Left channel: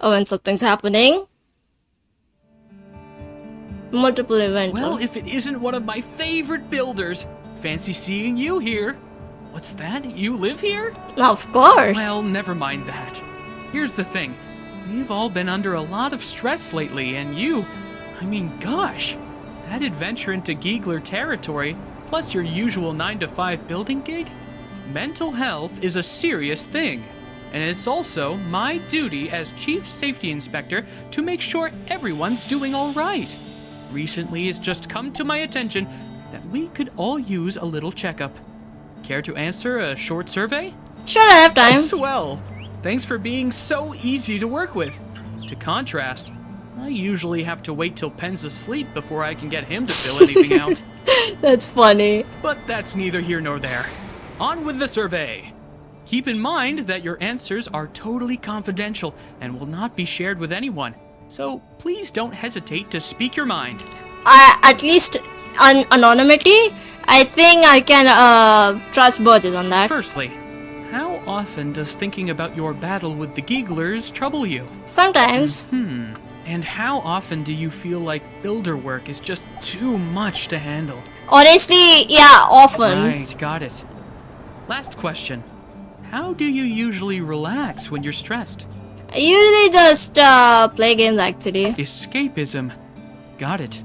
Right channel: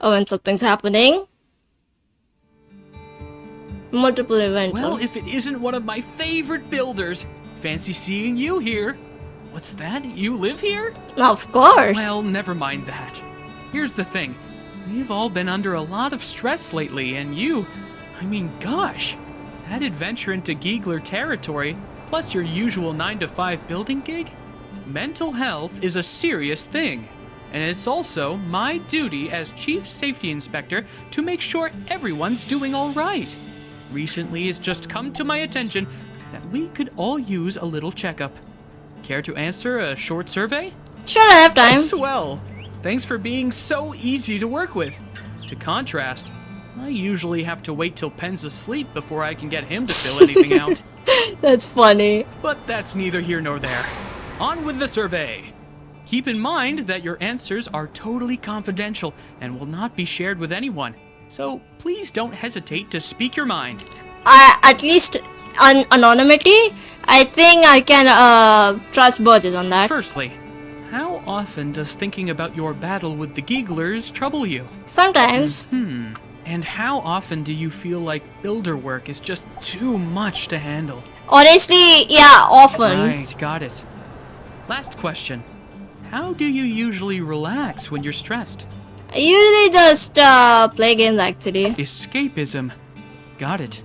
Oh, and something's happening. Multiple events. Well, if it isn't one of my favorite builders. Fancy seeing you here. What's that? You live here? Of course. Well, never mind that. Here's the thing. We've all been under a lot of stress lately, and gosh, that adventure into Giegler territory, plus your usual 9-to-5 building gig? Mental health is a serious thing, and it's also my duty as Chief Safety Inspector to make sure everyone's doing all right. Recently, it's just come to my attention that we could all use a little checkup. Care to answer a short survey? Sure, I have time. Swell. Thanks for being so easy to work with. To contrast, I usually have to wait till Penn's asleep before I can get him to fill anything out. That's funny. But that's neither here nor there. On with the survey. Keep in mind that your answers are totally confidential and will not be shared with anyone. So please don't hesitate to speak your mind. At least anonymity, I think I can trust Burgess on that. Firstly, how often does thinking about your battle with the Gieglers trouble you? Sometimes. And how often do you feel like builder work is just too much to handle? Honestly, yeah, often. Right, got it. Last question. How do you usually relax when you're stressed? I usually just play games actually. Escapism. Got it.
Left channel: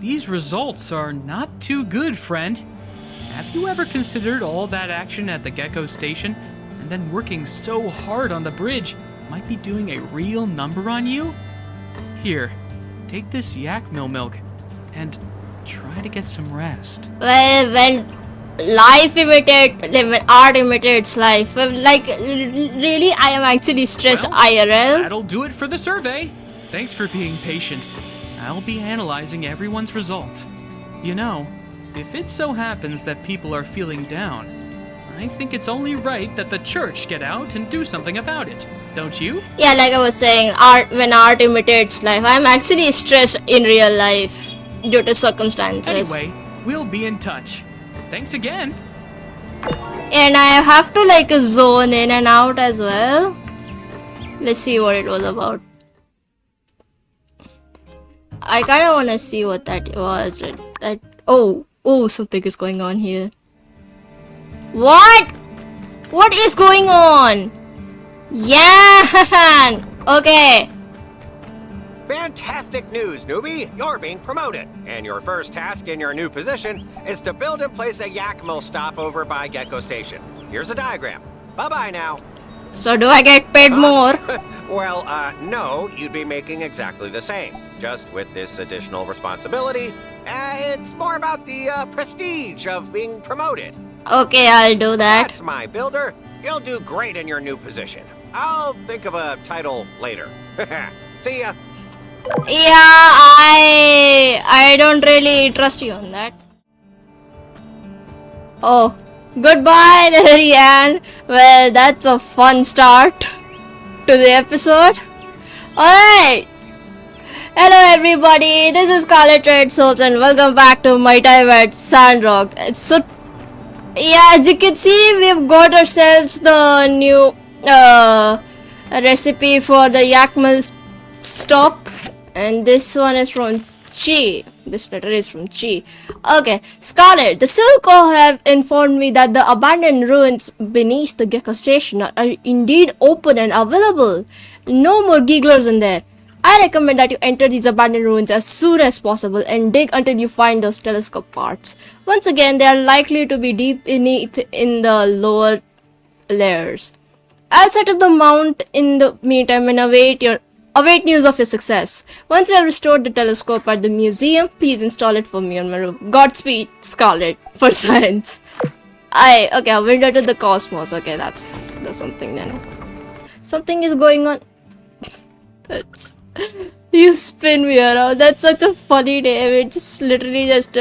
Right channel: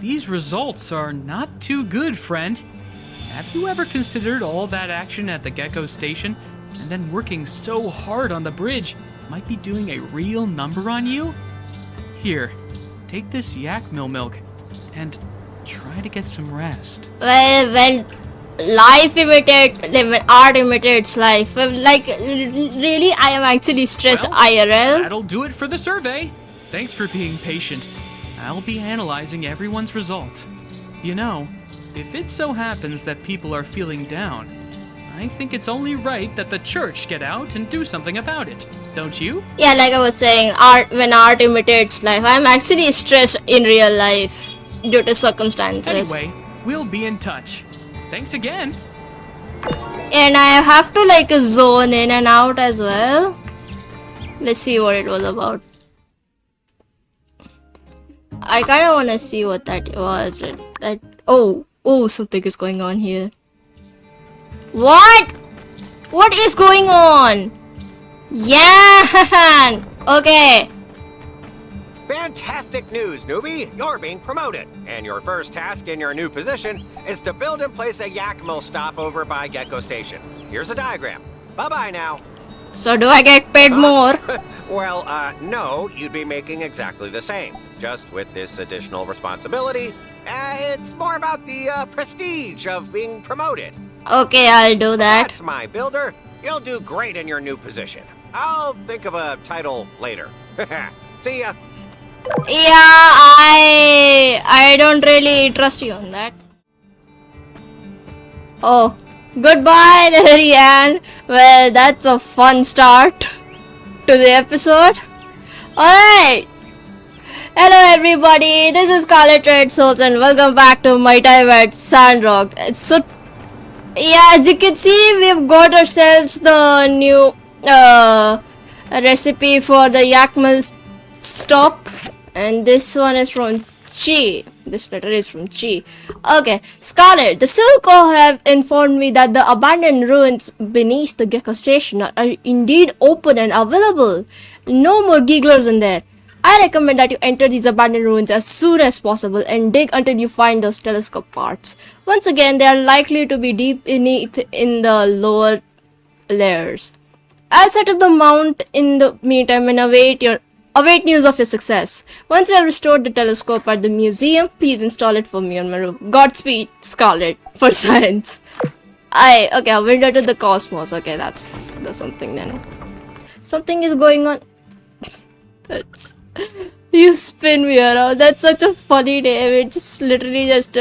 These results are not too good, friend. Have you ever considered all that action at the Gecko Station and then working so hard on the bridge might be doing a real number on you? Here, take this yak milk and try to get some rest. Well, when art imitates life, really, I am actually stressed IRL. That'll do it for the survey. Thanks for being patient. I'll be analyzing everyone's results. You know, if it so happens that people are feeling down, I think it's only right that the church get out and do something about it, don't you? Yeah, like I was saying, when art imitates life, I'm actually stressed in real life due to circumstances. Anyway, we'll be in touch. Thanks again. And I have to zone in and out as well. Let's see what it was about. I kind of want to see what that was. Oh, something is going on here. What? What is going on? Yeah! Okay. Fantastic news, newbie! You're being promoted, and your first task in your new position is to build and place a yak mill stop over by Gecko Station. Here's a diagram. Bye-bye now. So do I get paid more? Well, no, you'd be making exactly the same. Just with this additional responsibility, it's more about the prestige of being promoted. Okay, I'll do that. That's my builder. You'll do great in your new position. I'll think of a title later. See ya. Yeah, I don't really trust you on that. Oh, goodbye there, Rian. Well, that's a fun start to the episode. Alright. Hello everybody, this is Scarlet Red Souls and welcome back to my time at Sandrock. Yeah, as you can see, we've got ourselves the new recipe for the yak mill stop. And this one is from Chi. This letter is from Chi. Okay, Scarlet, the Silco have informed me that the abandoned ruins beneath the Gecko Station are indeed open and available. No more Gieglers in there. I recommend that you enter these abandoned ruins as soon as possible and dig until you find those telescope parts. Once again, they are likely to be deep beneath in the lower layers. I'll set up the mount in the meantime and await news of your success. Once you have restored the telescope at the museum, please install it for me on my room. Godspeed, Scarlet, for science. Okay, a window to the cosmos. Okay, that's something then. Something is going on. You spin me around. That's such a funny name. It just literally just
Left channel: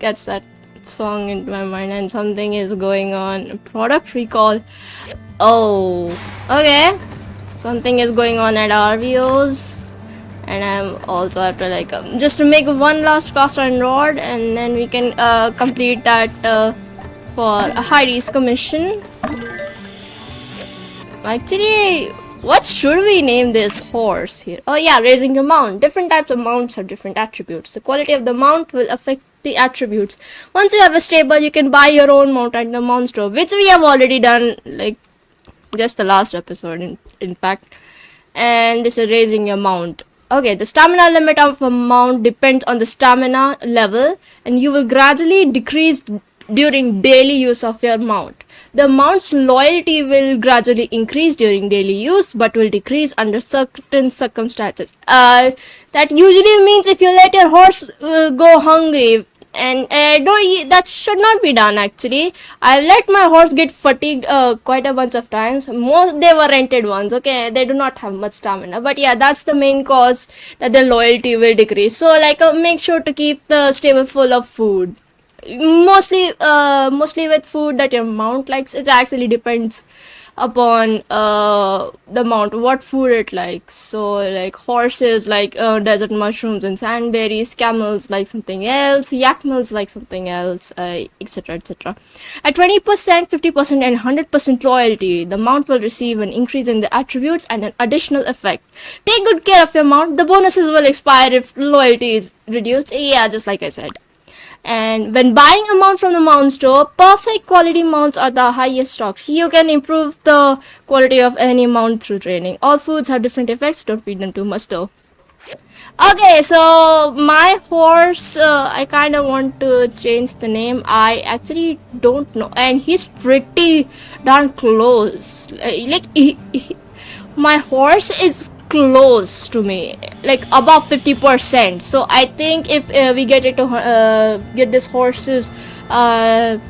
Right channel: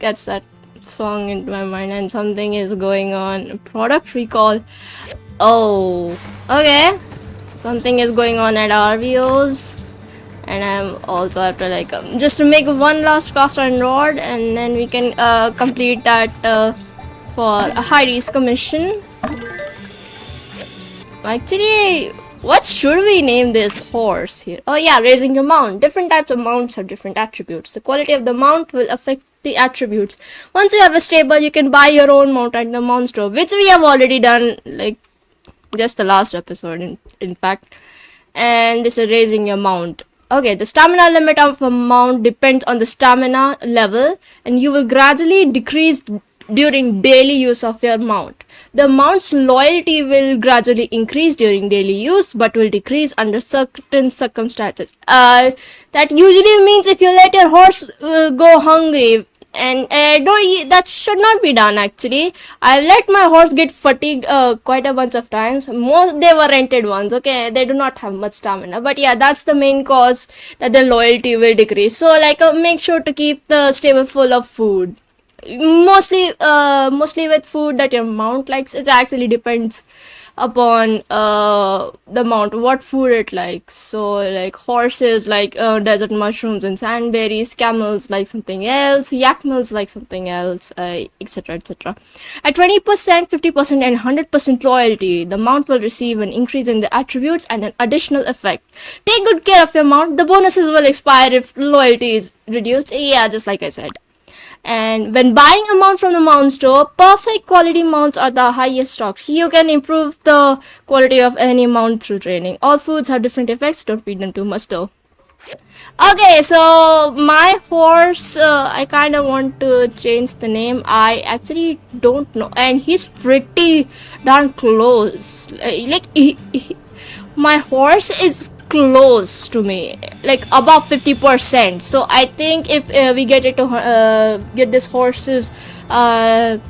gets that song into my mind, and something is going on. Product recall. Oh, okay. Something is going on at RVOs, and I'm also have to just to make one last cast iron rod, and then we can complete that for a high risk mission. Actually, what should we name this horse here? Oh yeah, raising your mount. Different types of mounts have different attributes. The quality of the mount will affect the attributes. Once you have a stable, you can buy your own mount at the mount store, which we have already done, like just the last episode in fact. And this is raising your mount. Okay, the stamina limit of a mount depends on the stamina level, and you will gradually decrease during daily use of your mount. The mount's loyalty will gradually increase during daily use, but will decrease under certain circumstances. That usually means if you let your horse go hungry, and that should not be done actually. I let my horse get fatigued quite a bunch of times. Most they were rented ones, okay, they do not have much stamina, but yeah, that's the main cause that their loyalty will decrease. So like make sure to keep the stable full of food, mostly with food that your mount likes. It actually depends upon the mount, what food it likes. So like horses like desert mushrooms and sandberries, camels like something else, yak mills like something else, etc, etc. At 20%, 50% and 100% loyalty, the mount will receive an increase in the attributes and an additional effect. Take good care of your mount. The bonuses will expire if loyalty is reduced. Yeah, just like I said. And when buying a mount from the mount store, perfect quality mounts are the highest stock. You can improve the quality of any mount through training. All foods have different effects, don't feed them too much though. Okay, so my horse, I kind of want to change the name. I actually don't know, and he's pretty darn close. My horse is close to me, like above 50%. So I think if we get this horse's a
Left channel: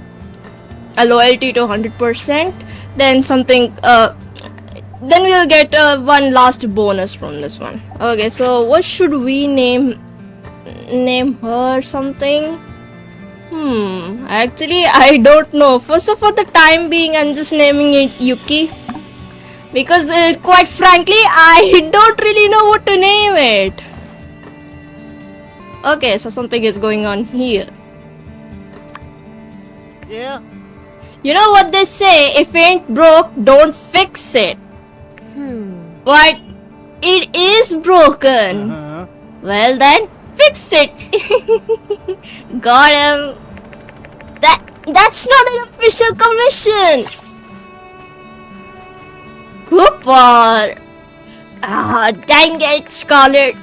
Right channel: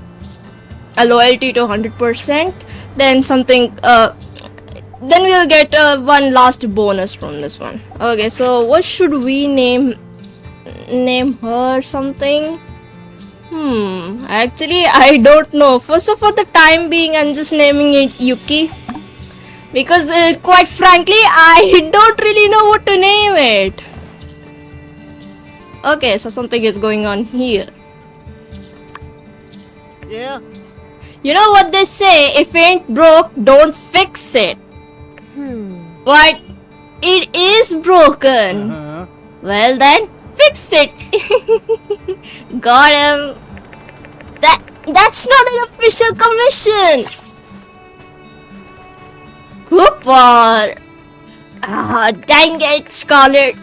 loyalty to 100%, then then we'll get one last bonus from this one. Okay, so what should we name her? Something? Actually I don't know. First of all, the time being, I'm just naming it Yuki, because quite frankly I don't really know what to name it. Okay, so something is going on here. Yeah? You know what they say, if it ain't broke, don't fix it. But it is broken. Well then, fix it. Got him. That's not an official commission. Cooper! Dang it, Scarlet.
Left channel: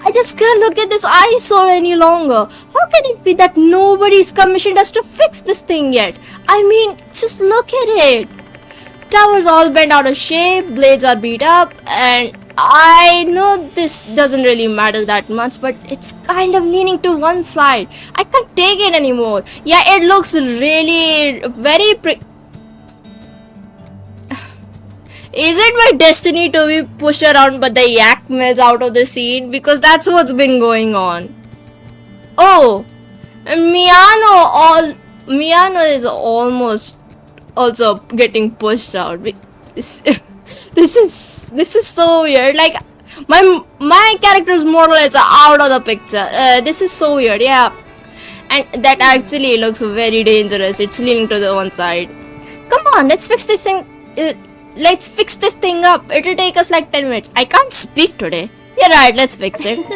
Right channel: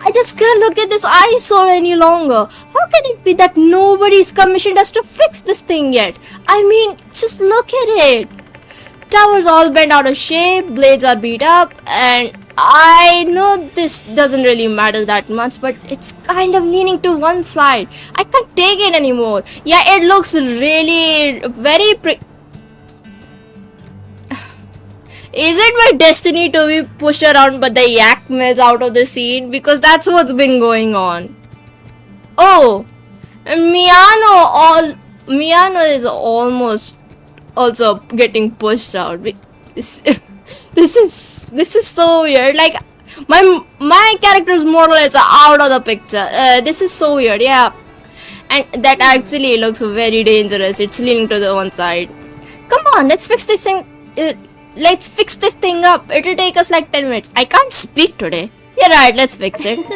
I just can't look at this eyesore any longer. How can it be that nobody's commissioned us to fix this thing yet? I mean, just look at it. Tower's all bent out of shape, blades are beat up, and I know this doesn't really matter that much, but it's kind of leaning to one side. I can't take it anymore. Yeah, it looks really very Is it my destiny to be pushed around by the yak mills out of the scene? Because that's what's been going on. Oh, Miano is almost also getting pushed out. This is so weird. Like my character is more or less out of the picture. This is so weird. Yeah, and that actually looks very dangerous. It's leaning to the one side. Come on, let's fix this thing. Let's fix this thing up. It'll take us like 10 minutes. I can't speak today. You're right, let's fix it.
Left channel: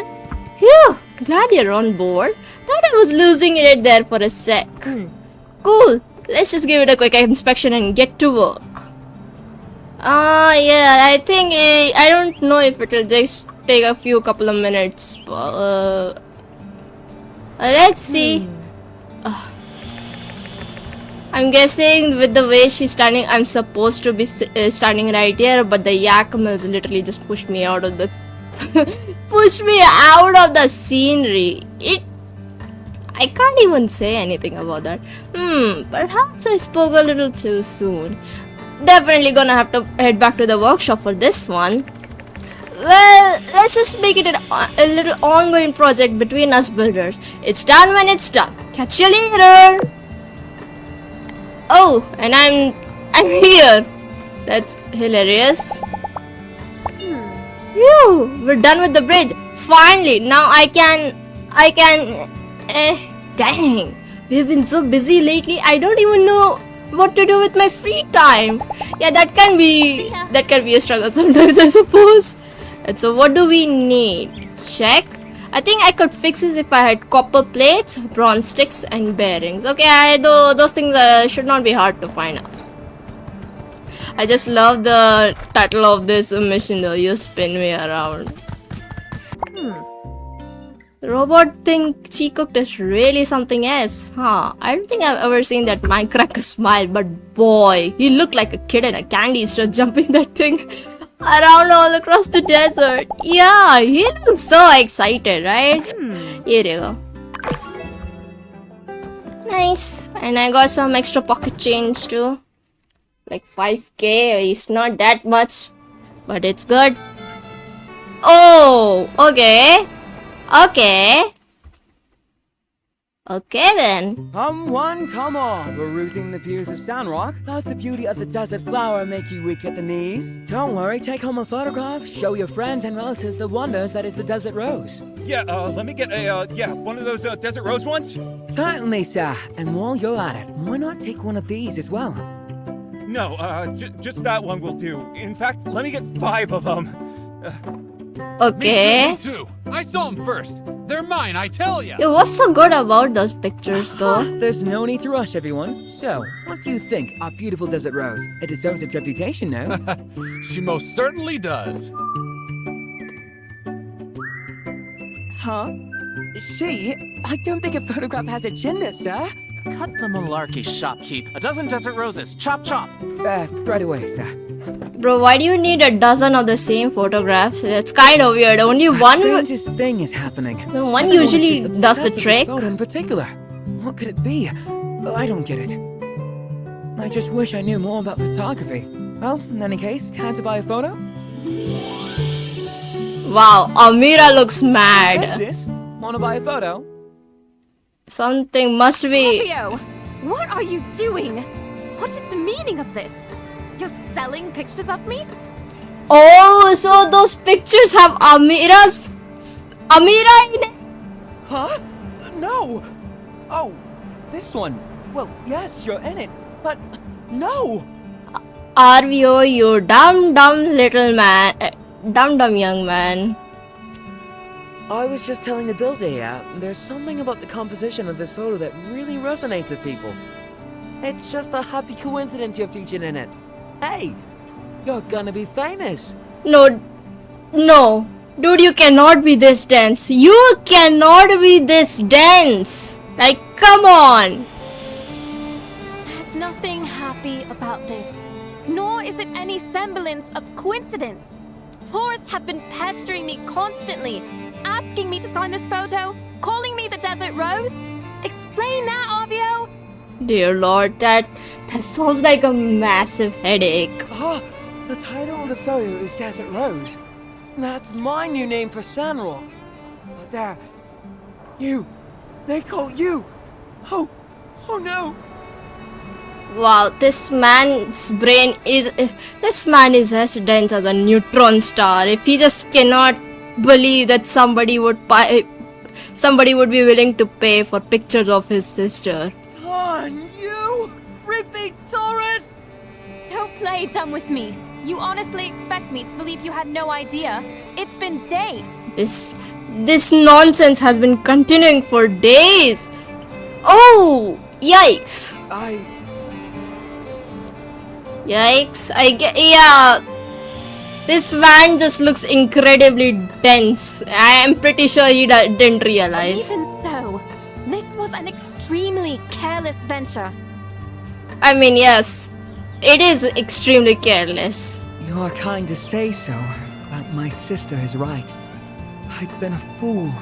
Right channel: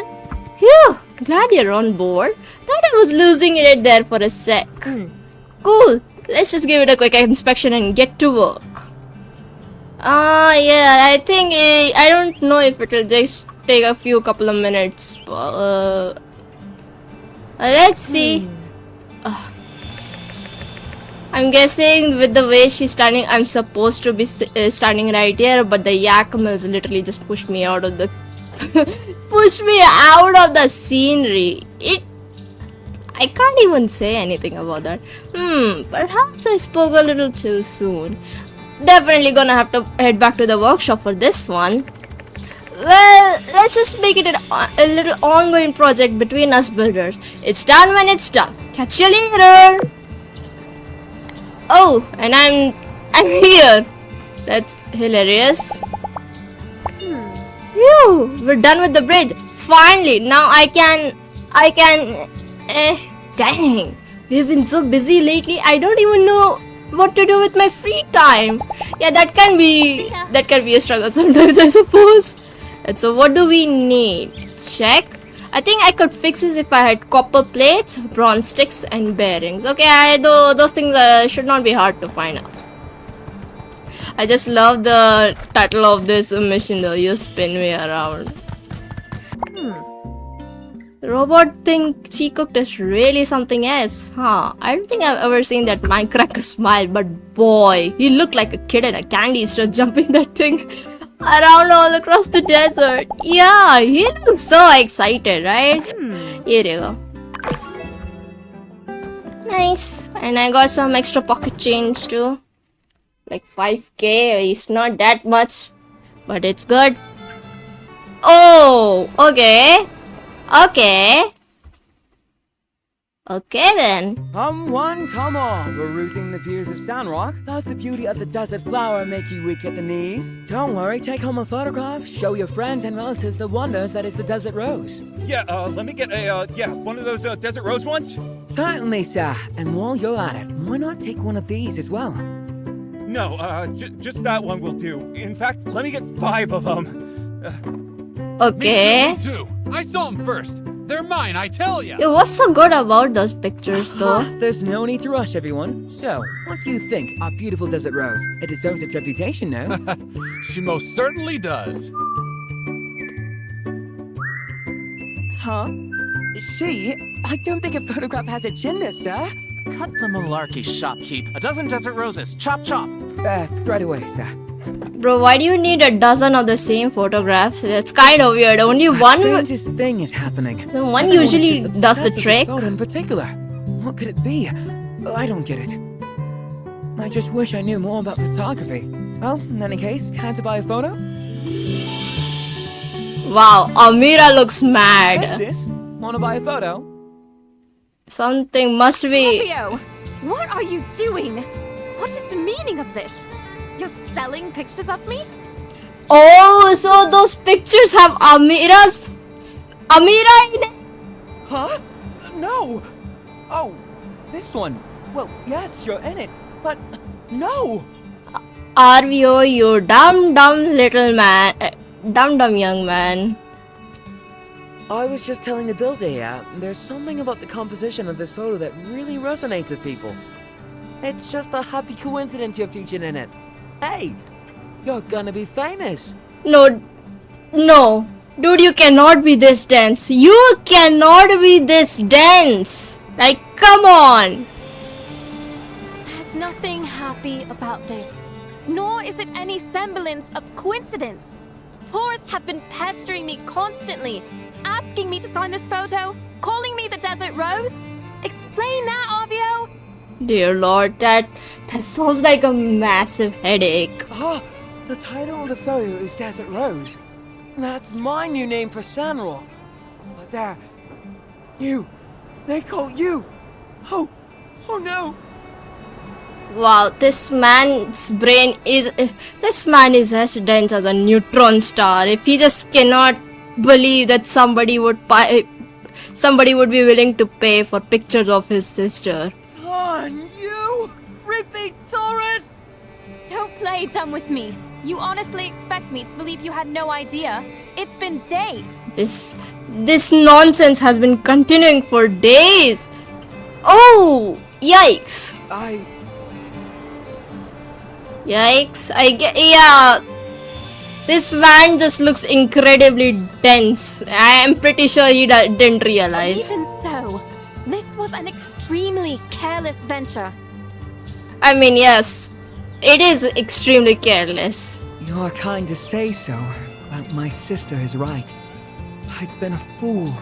Phew, glad you're on board. Thought I was losing it there for a sec. Cool, let's just give it a quick inspection and get to work. Yeah, I think, I don't know if it'll just take a couple of minutes. Let's see. I'm guessing with the way she's standing, I'm supposed to be standing right here, but the yak mills literally just pushed me out of the scenery. I can't even say anything about that. Perhaps I spoke a little too soon. Definitely gonna have to head back to the workshop for this one. Well, let's just make it a little ongoing project between us builders. It's done when it's done. Catch you later. Oh, and I'm here. That's hilarious. Phew, we're done with the bridge. Finally, now I can. Dang, we've been so busy lately. I don't even know what to do with my free time. Yeah, that can be ya. a struggle sometimes, I suppose. And so what do we need? Check. I think I could fix this if I had copper plates, bronze sticks, and bearings. Okay, those things should not be hard to find out. I just love the title of this mission though. You spin me around. Robot thing she cooked is really something else, huh? I don't think I've ever seen that Minecracker smile, but boy, he looked like a kid in a candy store jumping that thing around all across the desert. Yeah, he looks so excited, right? Here you go. Nice. And I got some extra pocket change too. Like 5k. It's not that much, but it's good. Oh, okay. Okay then. Come one, come all, perusing the views of Sandrock. Does the beauty of the desert flower make you weak at the knees? Don't worry, take home a photograph, show your friends and relatives the wonders that is the desert rose. Yeah, let me get one of those desert rose ones. Certainly, sir. And while you're at it, why not take one of these as well? No, just that one will do. In fact, let me get 5 of them. Okay. Me too. I saw them first. They're mine, I tell ya. Yeah, what's so good about those pictures though? There's no need to rush, everyone. So, what do you think, our beautiful desert rose? It deserves its reputation, no? She most certainly does. Huh? She? I don't think a photograph has a gender, sir. Cut the malarkey, shopkeep. A dozen desert roses. Chop, chop. Right away, sir. Bro, why do you need a dozen of the same photographs? That's kind of weird. Only one. Strangest thing is happening. The one Everyone's usually just does the obsessed with this trick. photo in particular. What could it be? I don't get it. I just wish I knew more about photography. Well, in any case, time to buy a photo? Wow, Amira looks mad. Hey, sis. Wanna buy a photo? Something must be. Fabio, what are you doing? What is the meaning of this? You're selling pictures of me? Oh, so those pictures have Amira in it? Huh? No! Oh, this one. Well, yes, you're in it, but no! Arvio, you dumb little man. Dumb young man. I was just telling the builder here, there's something about the composition of this photo that really resonates with people. It's just a happy coincidence you're featured in it. Hey, you're gonna be famous. No. Dude, you cannot be this dense. You cannot be this dense. Like, come on. There's nothing happy about this, nor is it any semblance of coincidence. Tourists have been pestering me constantly, asking me to sign this photo, calling me the Desert Rose. Explain that, Arvio. Dear Lord, that sounds like a massive headache. Ah, the title of the photo is Desert Rose. That's my new name for Sandrock. But they call you. Oh no. Wow, this man is as dense as a neutron star. If he just cannot believe that somebody would be willing to pay for pictures of his sister. Darn you, creepy tourist! Don't play dumb with me. You honestly expect me to believe you had no idea? It's been days. This nonsense has been continuing for days. Oh, yikes. Yikes. Yeah. This man just looks incredibly dense. I am pretty sure he didn't realize. Even so, this was an extremely careless venture. I mean, yes, it is extremely careless. You are kind to say so, but my sister is right. I've been a fool.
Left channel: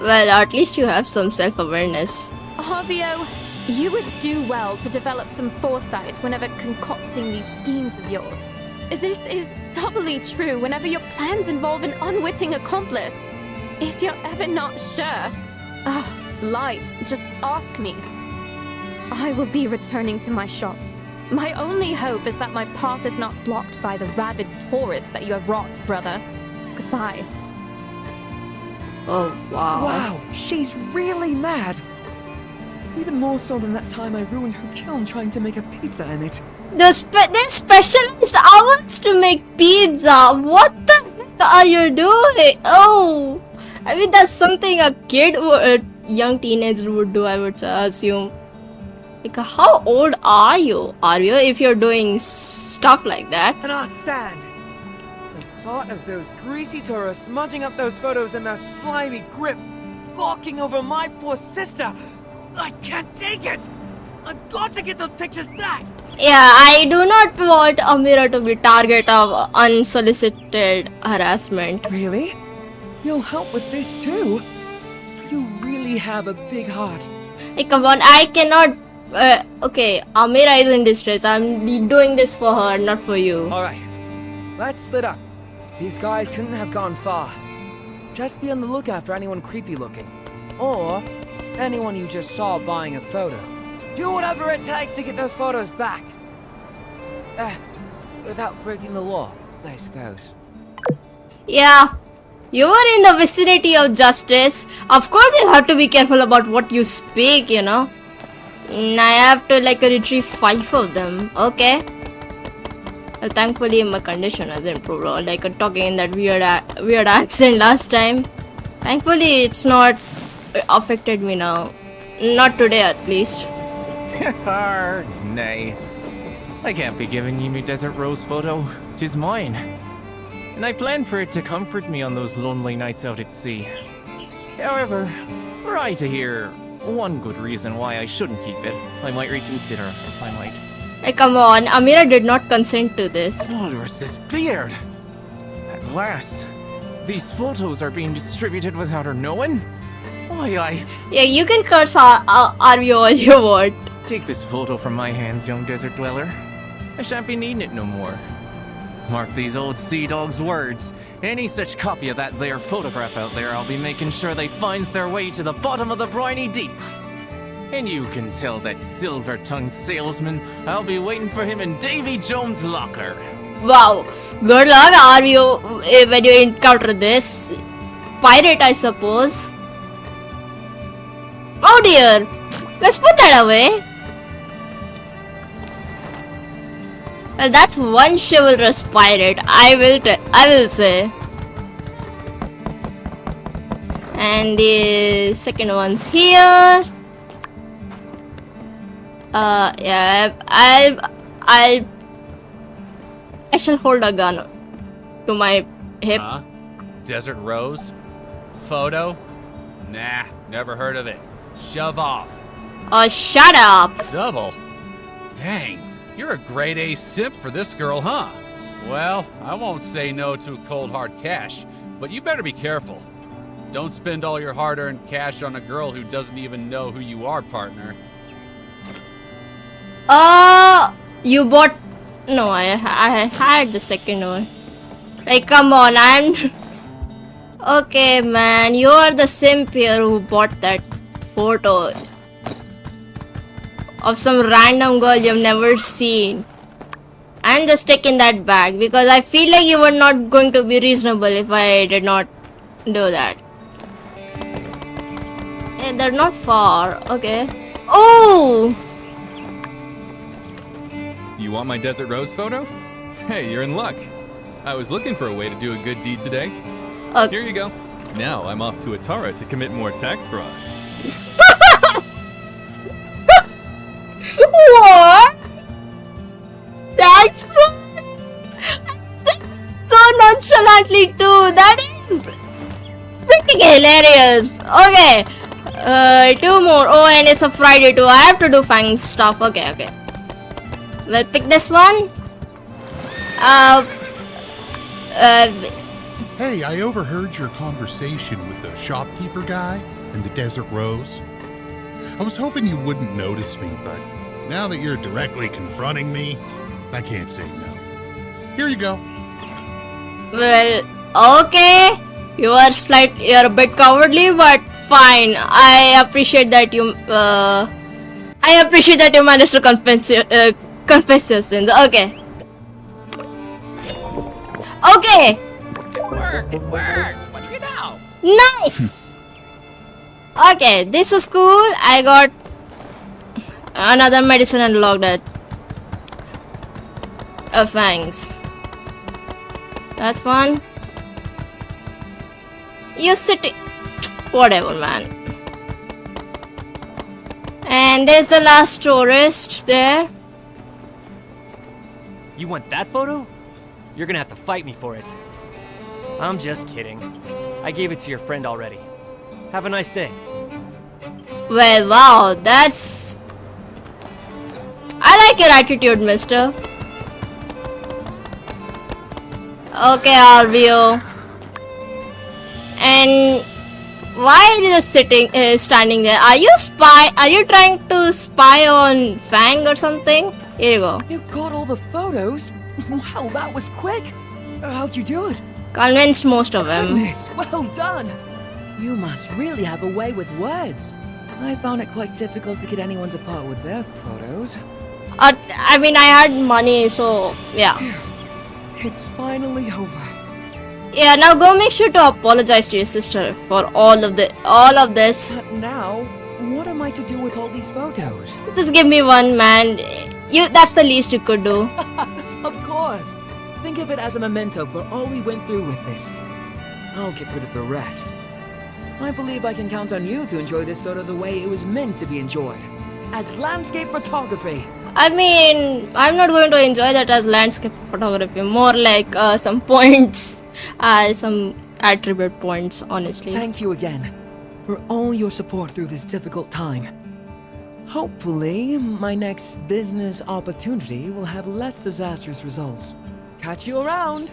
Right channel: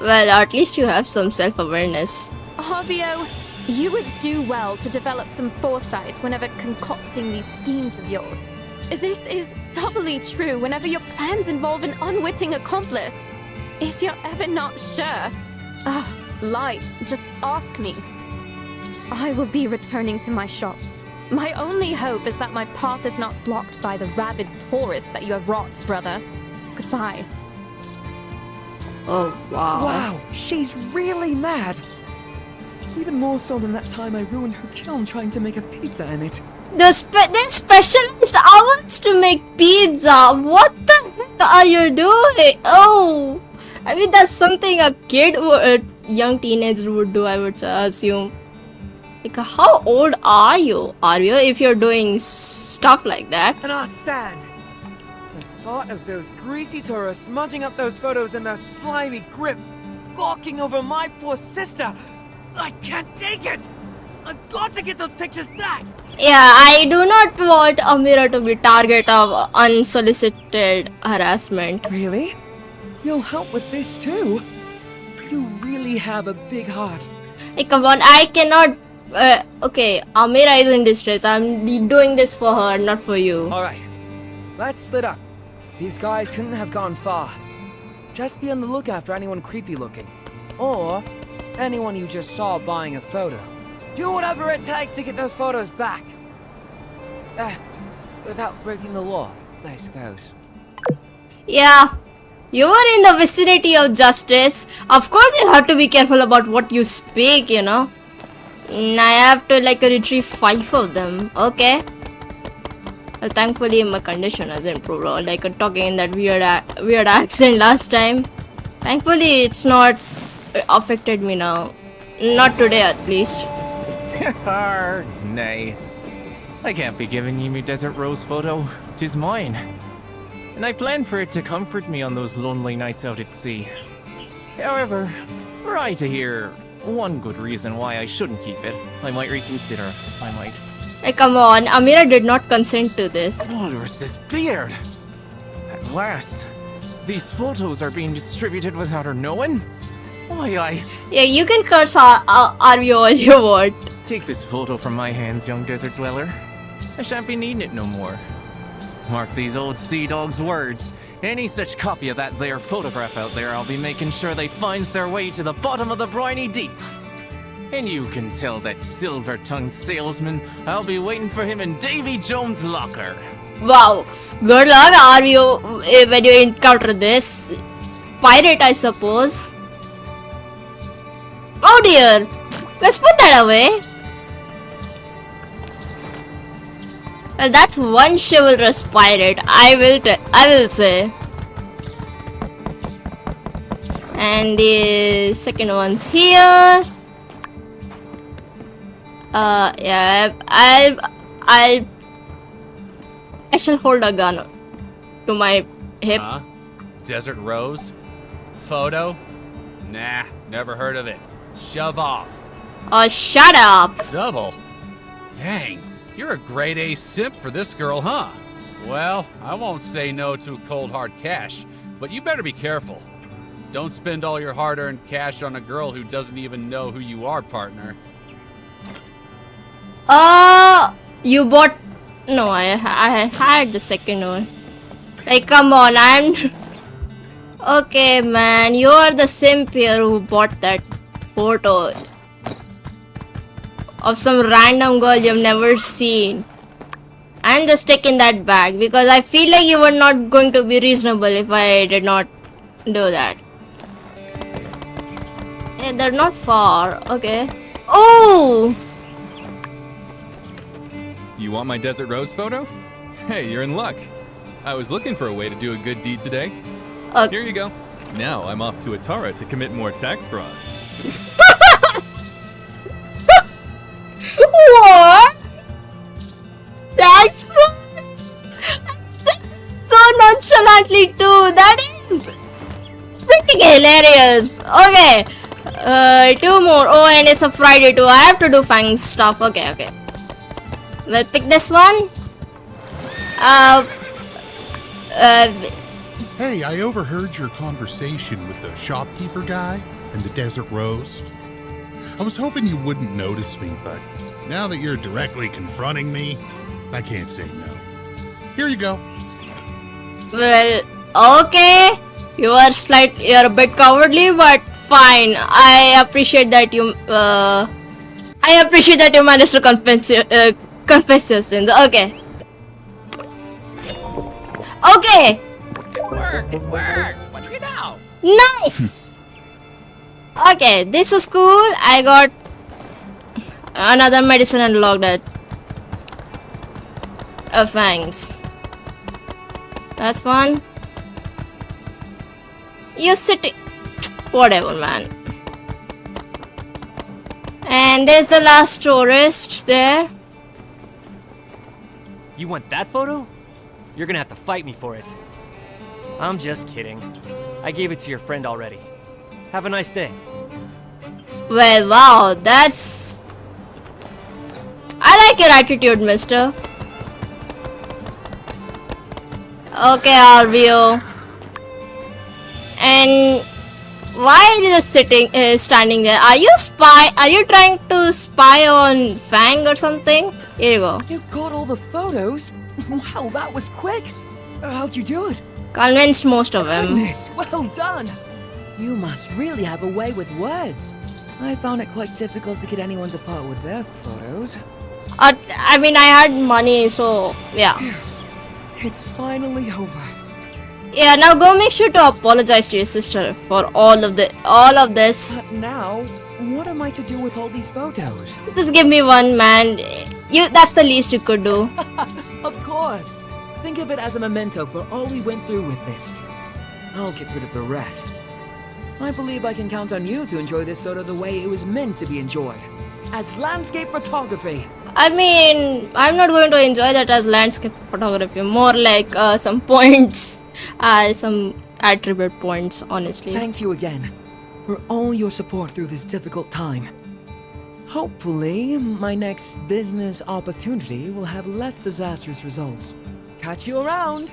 Well, at least you have some self-awareness. Arvio, you would do well to develop some foresight whenever concocting these schemes of yours. This is doubly true whenever your plans involve an unwitting accomplice. If you're ever not sure, Light, just ask me. I will be returning to my shop. My only hope is that my path is not blocked by the rabid tourists that you have wrought, brother. Goodbye. Oh, wow. Wow, she's really mad. Even more so than that time I ruined her kiln trying to make a pizza in it. They're specialized ovens to make pizza. What the heck are you doing? Oh, I mean that's something a kid or a young teenager would do, I would assume. Like, how old are you? If you're doing stuff like that? An art stand! The thought of those greasy tourists smudging up those photos in their slimy grip, gawking over my poor sister! I can't take it! I've got to get those pictures back! Yeah, I do not want Amira to be target of unsolicited harassment. Really? You'll help with this too? You really have a big heart. Hey, come on, I cannot. Okay, Amira is in distress. I'm doing this for her, not for you. Alright, let's split up. These guys couldn't have gone far. Just be on the lookout for anyone creepy looking. Or anyone you just saw buying a photo. Do whatever it takes to get those photos back. Without breaking the law, I suppose. Yeah, you are in the vicinity of justice. Of course, you have to be careful about what you speak, you know. I have to retrieve 5 of them. Okay. Well, thankfully my condition has improved. Or talking in that weird accent last time. Thankfully it's not affected me now. Not today at least. Nay. I can't be giving you my Desert Rose photo. 'Tis mine. And I planned for it to comfort me on those lonely nights out at sea. However, were I to hear one good reason why I shouldn't keep it, I might reconsider. I might. Hey, come on. Amira did not consent to this. Where's this beard? At last, these photos are being distributed without her knowing? Why, Yeah, you can curse Arvio all you want. Take this photo from my hands, young desert dweller. I shan't be needing it no more. Mark these old sea dogs' words. Any such copy of that there photograph out there, I'll be making sure they finds their way to the bottom of the briny deep. And you can tell that silver-tongued salesman I'll be waiting for him in Davy Jones' locker. Wow. Good luck, Arvio, when you encounter this. Pirate, I suppose. Oh dear. Let's put that away. Well, that's one chivalrous pirate, I will say. And the second one's here. Yeah, I shall hold a gun to my hip. Huh? Desert Rose? Photo? Nah, never heard of it. Shove off. Oh, shut up. Double? Dang, you're a grade A simp for this girl, huh? Well, I won't say no to cold hard cash, but you better be careful. Don't spend all your hard-earned cash on a girl who doesn't even know who you are, partner. You bought... No, I had the second one. Like, come on, Okay, man, you're the simp here who bought that photo of some random girl you've never seen. I'm just taking that back because I feel like you were not going to be reasonable if I did not do that. Hey, they're not far. Okay. Oh! You want my Desert Rose photo? Hey, you're in luck. I was looking for a way to do a good deed today. Here you go. Now I'm off to Atara to commit more tax fraud. What? Tax fraud? So nonchalantly too. That is pretty hilarious. Okay. 2 more. Oh, and it's a Friday too. I have to do fang stuff. Okay. We'll pick this one. Hey, I overheard your conversation with the shopkeeper guy and the Desert Rose. I was hoping you wouldn't notice me, but now that you're directly confronting me, I can't say no. Here you go. Well, okay. You're a bit cowardly, but fine. I appreciate that you managed to confess your sins. Okay. Okay. It worked. What do you know? Nice. Okay, this is cool. I got Another medicine unlocked at fangs. That's fun. You sitting. Whatever, man. And there's the last tourist there. You want that photo? You're gonna have to fight me for it. I'm just kidding. I gave it to your friend already. Have a nice day. Well, wow, that's... I like your attitude, mister. Okay, RBO. And why are you just standing there? Are you trying to spy on Fang or something? Here you go. You got all the photos? Wow, that was quick. How'd you do it? Convinced most of them. Goodness, well done. You must really have a way with words. I found it quite difficult to get anyone to part with their photos. I mean, I had money, so yeah. It's finally over. Yeah, now go make sure to apologize to your sister for all of this. But now, what am I to do with all these photos? Just give me one, man. That's the least you could do. Of course. Think of it as a memento for all we went through with this. I'll get rid of the rest. I believe I can count on you to enjoy this photo the way it was meant to be enjoyed. As landscape photography. I mean, I'm not going to enjoy that as landscape photography. More like some points, some attribute points, honestly. Thank you again for all your support through this difficult time. Hopefully, my next business opportunity will have less disastrous results. Catch you around!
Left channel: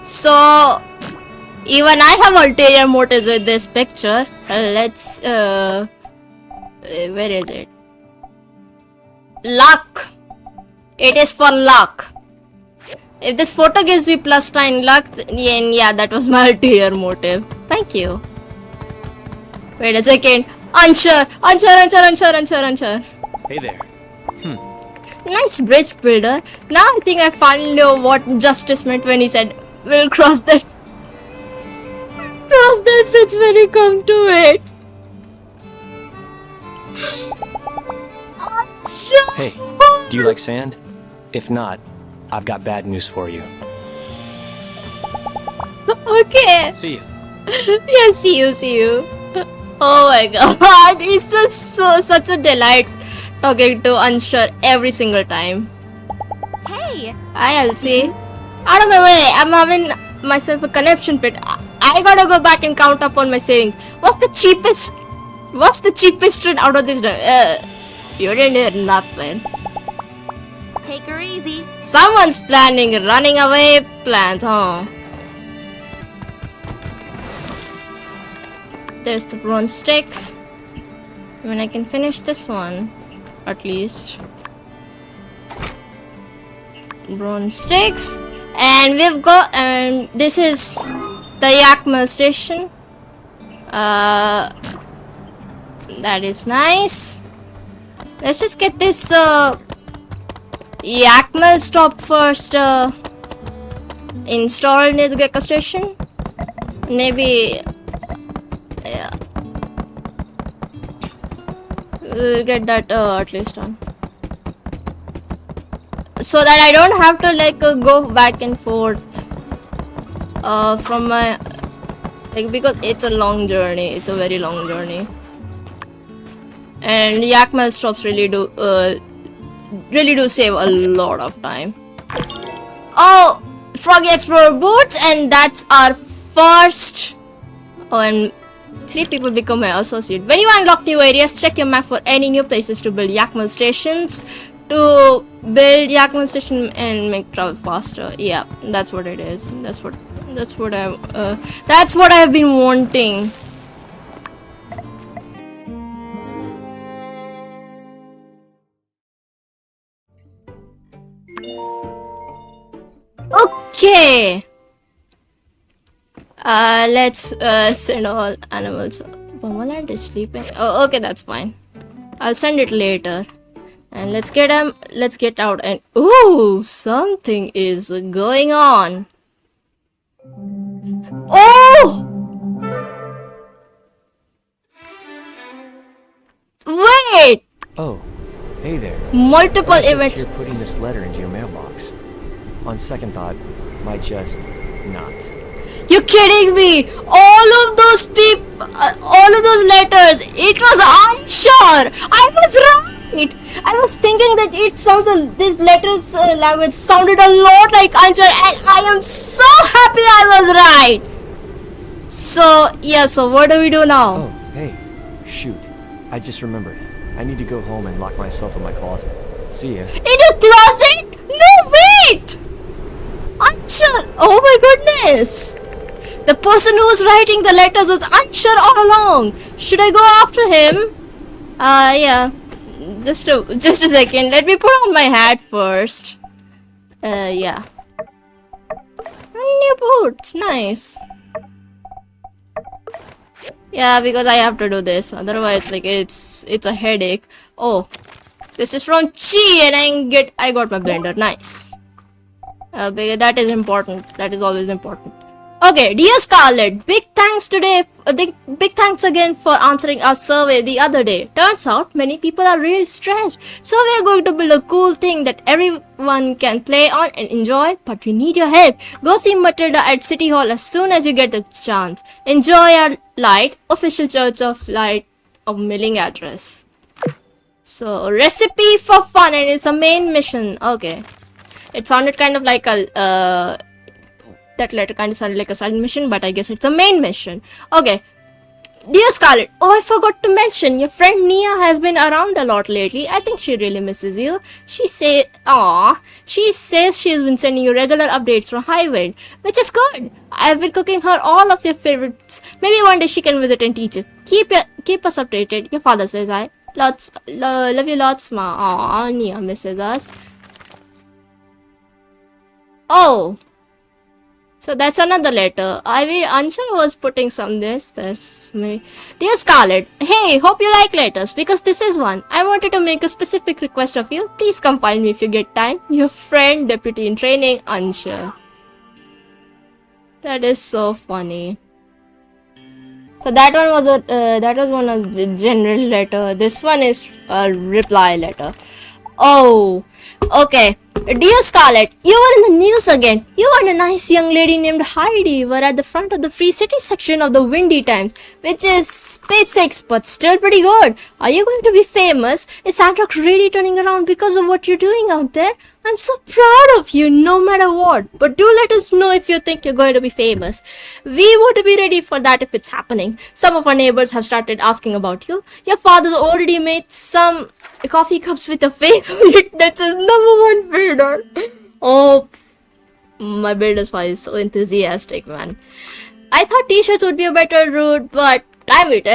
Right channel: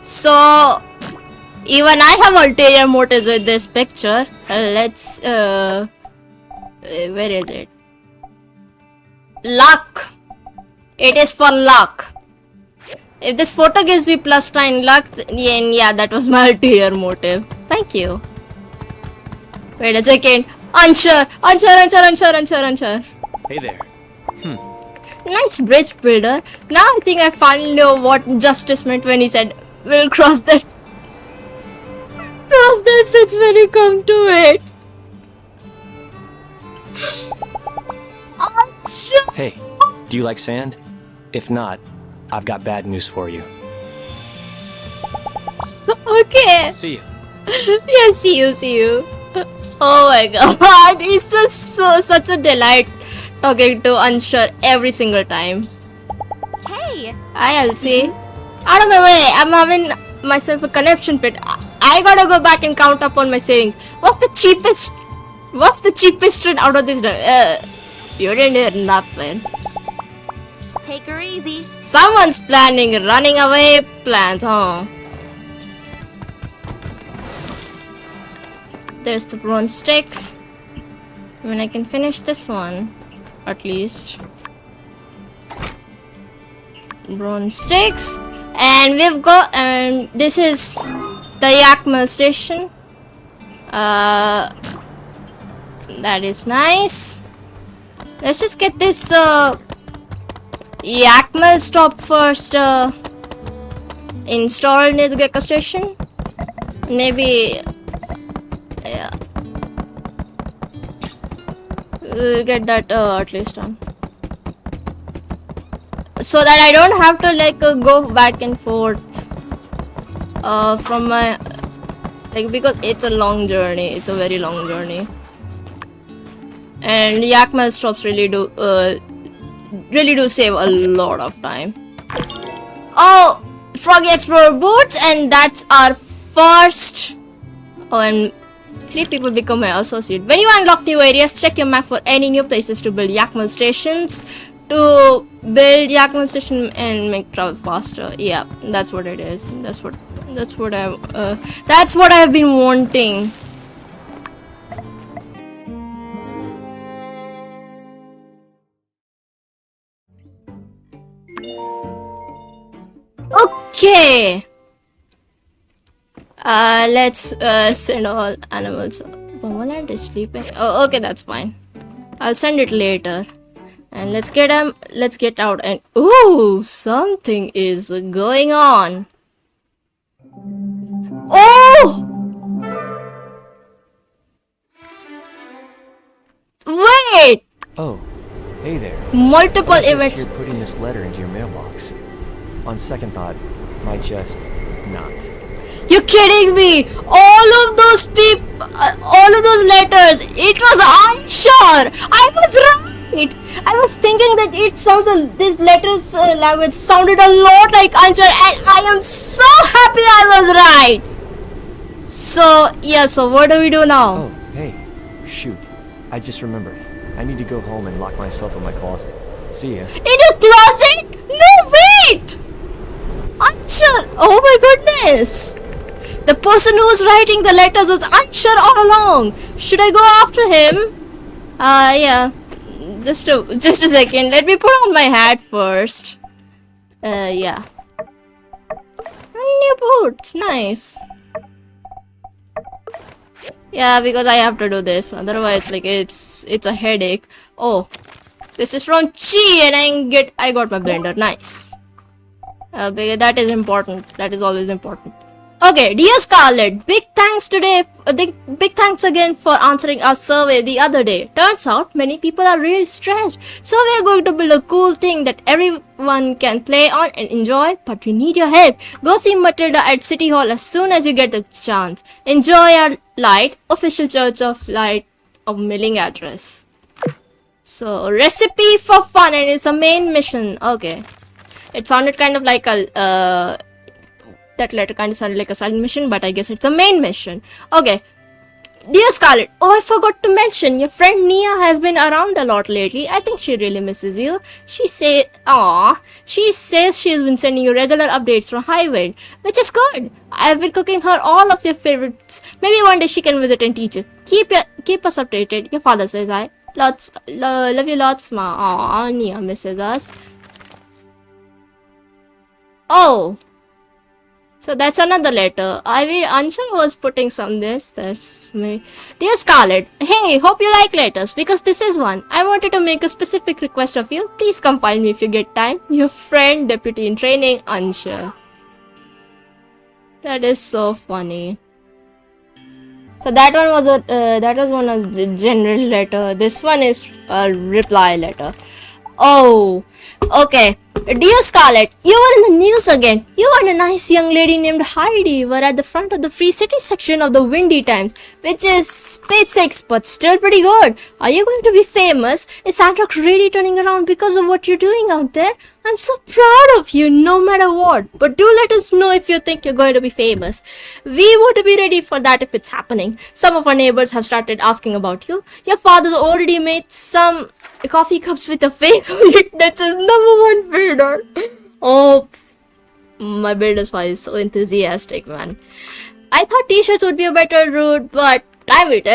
So, even I have ulterior motives with this picture. Let's, where is it? Luck. It is for luck. If this photo gives me +9 luck, then yeah, that was my ulterior motive. Thank you. Wait a second. Unsuur. Hey there. Nice bridge builder. Now I think I finally know what justice meant when he said, we'll cross that bridge when we come to it. Unsuur. Hey, do you like sand? If not, I've got bad news for you. Okay. See you. Yeah, see you. Oh my god, it's just such a delight talking to Unsuur every single time. Hey! Hi, Elsie. Out of my way, I'm having myself a connection pit. I gotta go back and count up on my savings. What's the cheapest trade out of this? You didn't hear nothing. Take her easy. Someone's planning running away plans, huh? There's the bronze sticks. I mean, I can finish this one, at least. Bronze sticks. And we've got, and this is the Yakima station. That is nice. Let's just get this Yakima stop first installed near the Gecko station. Maybe, yeah, we'll get that at least done, so that I don't have to like go back and forth from my because it's a long journey. It's a very long journey, and Yakima stops really do save a lot of time. Oh, Froggy Explorer boots, and that's our first. Oh, and 3 people become my associate. When you unlock new areas, check your map for any new places to build Yakima stations. To build Yakima station and make travel faster. Yeah, that's what it is. That's what I have been wanting. Okay. Let's send all animals. Bomberland is sleeping. Oh, okay, that's fine. I'll send it later. And let's get out and ooh, something is going on. Oh! Wait! Wait! Oh, hey there. Multiple I was just events. here putting this letter into your mailbox. On second thought, might just not. You're kidding me! All of those letters, it was Unsuur! I was right! I was thinking that these letters language sounded a lot like Unsuur, and I am so happy I was right! So, yeah, so what do we do now? Oh, hey. Shoot. I just remembered. I need to go home and lock myself in my closet. See ya. In your closet? No, wait! Unsuur! Oh my goodness! The person who was writing the letters was Unsuur all along. Should I go after him? Yeah. Just a second. Let me put on my hat first. Yeah. New boots. Nice. Yeah, because I have to do this. Otherwise, like, it's a headache. Oh. This is from Chi and I got my blender. Nice. Because that is important. That is always important. Okay, dear Scarlett, big thanks again for answering our survey the other day. Turns out many people are really stressed, so we are going to build a cool thing that everyone can play on and enjoy, but we need your help. Go see Matilda at City Hall as soon as you get the chance. Enjoy our light, official Church of Light of Milling address. So, recipe for fun, and it's a main mission. Okay. It sounded kind of like that letter kind of sounded like a side mission, but I guess it's a main mission. Okay. Dear Scarlett, oh, I forgot to mention, your friend Nia has been around a lot lately. I think she really misses you. She says she's been sending you regular updates from Highwind, which is good. I've been cooking her all of your favorites. Maybe one day she can visit and teach you. Keep us updated. Your father says hi. Love you lots, ma. Aw, Nia misses us. Oh. So that's another letter. I mean, Unsuur was putting some this me. Dear Scarlett, hey, hope you like letters because this is one. I wanted to make a specific request of you. Please come find me if you get time. Your friend, deputy in training, Unsuur. That is so funny. So that one was one of the general letter. This one is a reply letter. Oh, okay. Dear Scarlett, you were in the news again. You and a nice young lady named Heidi were at the front of the Free City section of the Windy Times, which is spade 6, but still pretty good. Are you going to be famous? Is Sandrock really turning around because of what you're doing out there? I'm so proud of you, no matter what. But do let us know if you think you're going to be famous. We would be ready for that if it's happening. Some of our neighbors have started asking about you. Your father's already made some coffee cups with a face on it. That's his #1 builder. Oh, my builder's file is so enthusiastic, man. I thought t-shirts would be a better route, but damn it,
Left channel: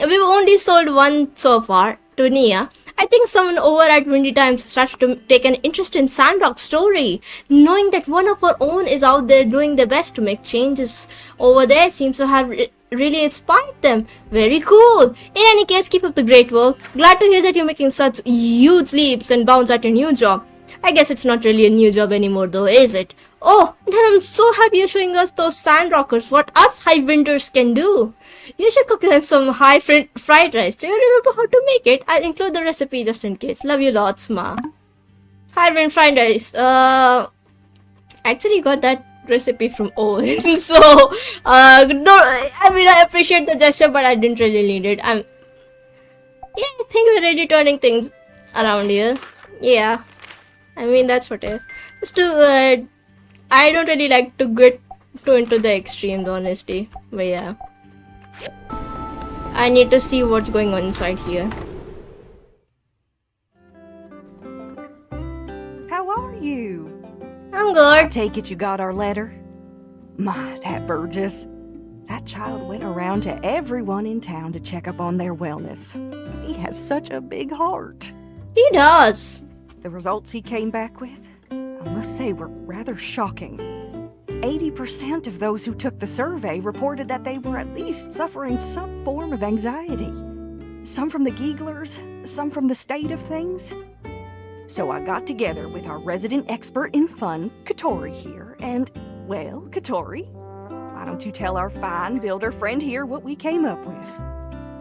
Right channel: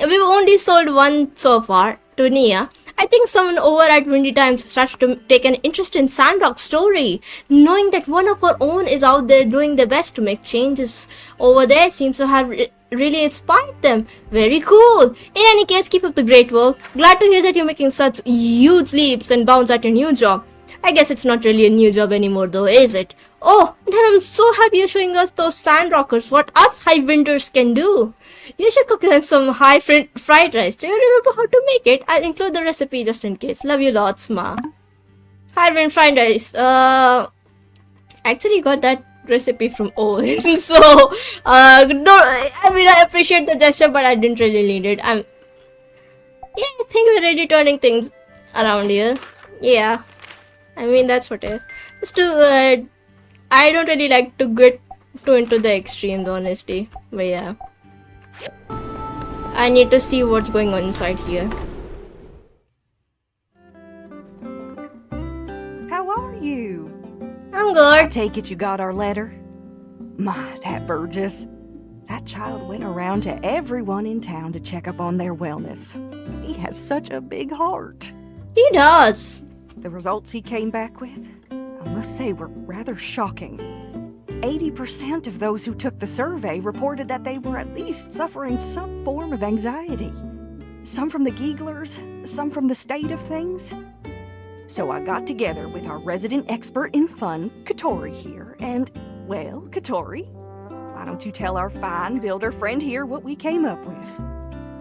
we've only sold one so far to Nia. I think someone over at Windy Times started to take an interest in Sandrock's story. Knowing that one of our own is out there doing their best to make changes over there seems to have really inspired them. Very cool. In any case, keep up the great work. Glad to hear that you're making such huge leaps and bounds at your new job. I guess it's not really a new job anymore though, is it? Oh, and I'm so happy you're showing us those Sandrockers, what us Highwinders can do. You should cook them some fried rice. Do you remember how to make it? I'll include the recipe just in case. Love you lots, ma. Highwind fried rice. Actually got that recipe from Owen. So, no, I mean, I appreciate the gesture, but I didn't really need it. Yeah, I think we're already turning things around here. Yeah. I mean, that's what it is. Just to, I don't really like to get too into the extremes, honestly. But yeah. I need to see what's going on inside here. How are you? I'm good. I take it you got our letter? My, that Burgess. That child went around to everyone in town to check up on their wellness. He has such a big heart. He does. The results he came back with, I must say, were rather shocking. 80% of those who took the survey reported that they were at least suffering some form of anxiety. Some from the Gieglers, some from the state of things. So I got together with our resident expert in fun, Katori here, and, well, Katori, why don't you tell our fine builder friend here what we came up with?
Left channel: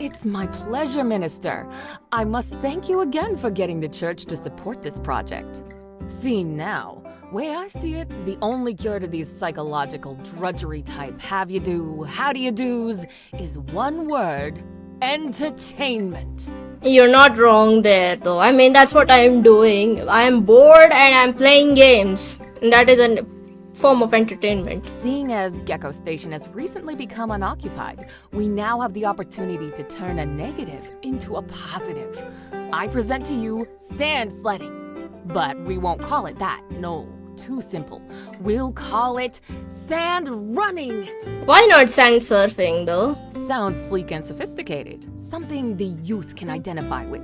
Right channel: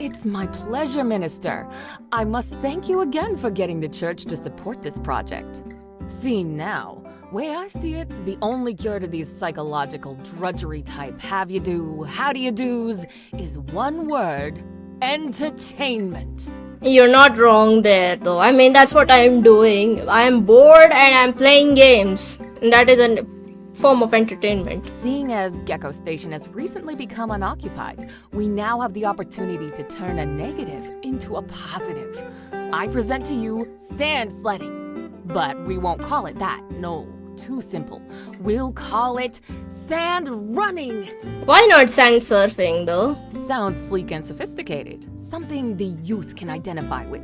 It's my pleasure, Minister. I must thank you again for getting the church to support this project. See now, way I see it, the only cure to these psychological drudgery type how do you do's is one word: entertainment. You're not wrong there, though. I mean, that's what I'm doing. I'm bored and I'm playing games. And that is a form of entertainment. Seeing as Gecko Station has recently become unoccupied, we now have the opportunity to turn a negative into a positive. I present to you sand sledding. But we won't call it that. No, too simple. We'll call it sand running. Why not sand surfing, though? Sounds sleek and sophisticated. Something the youth can identify with.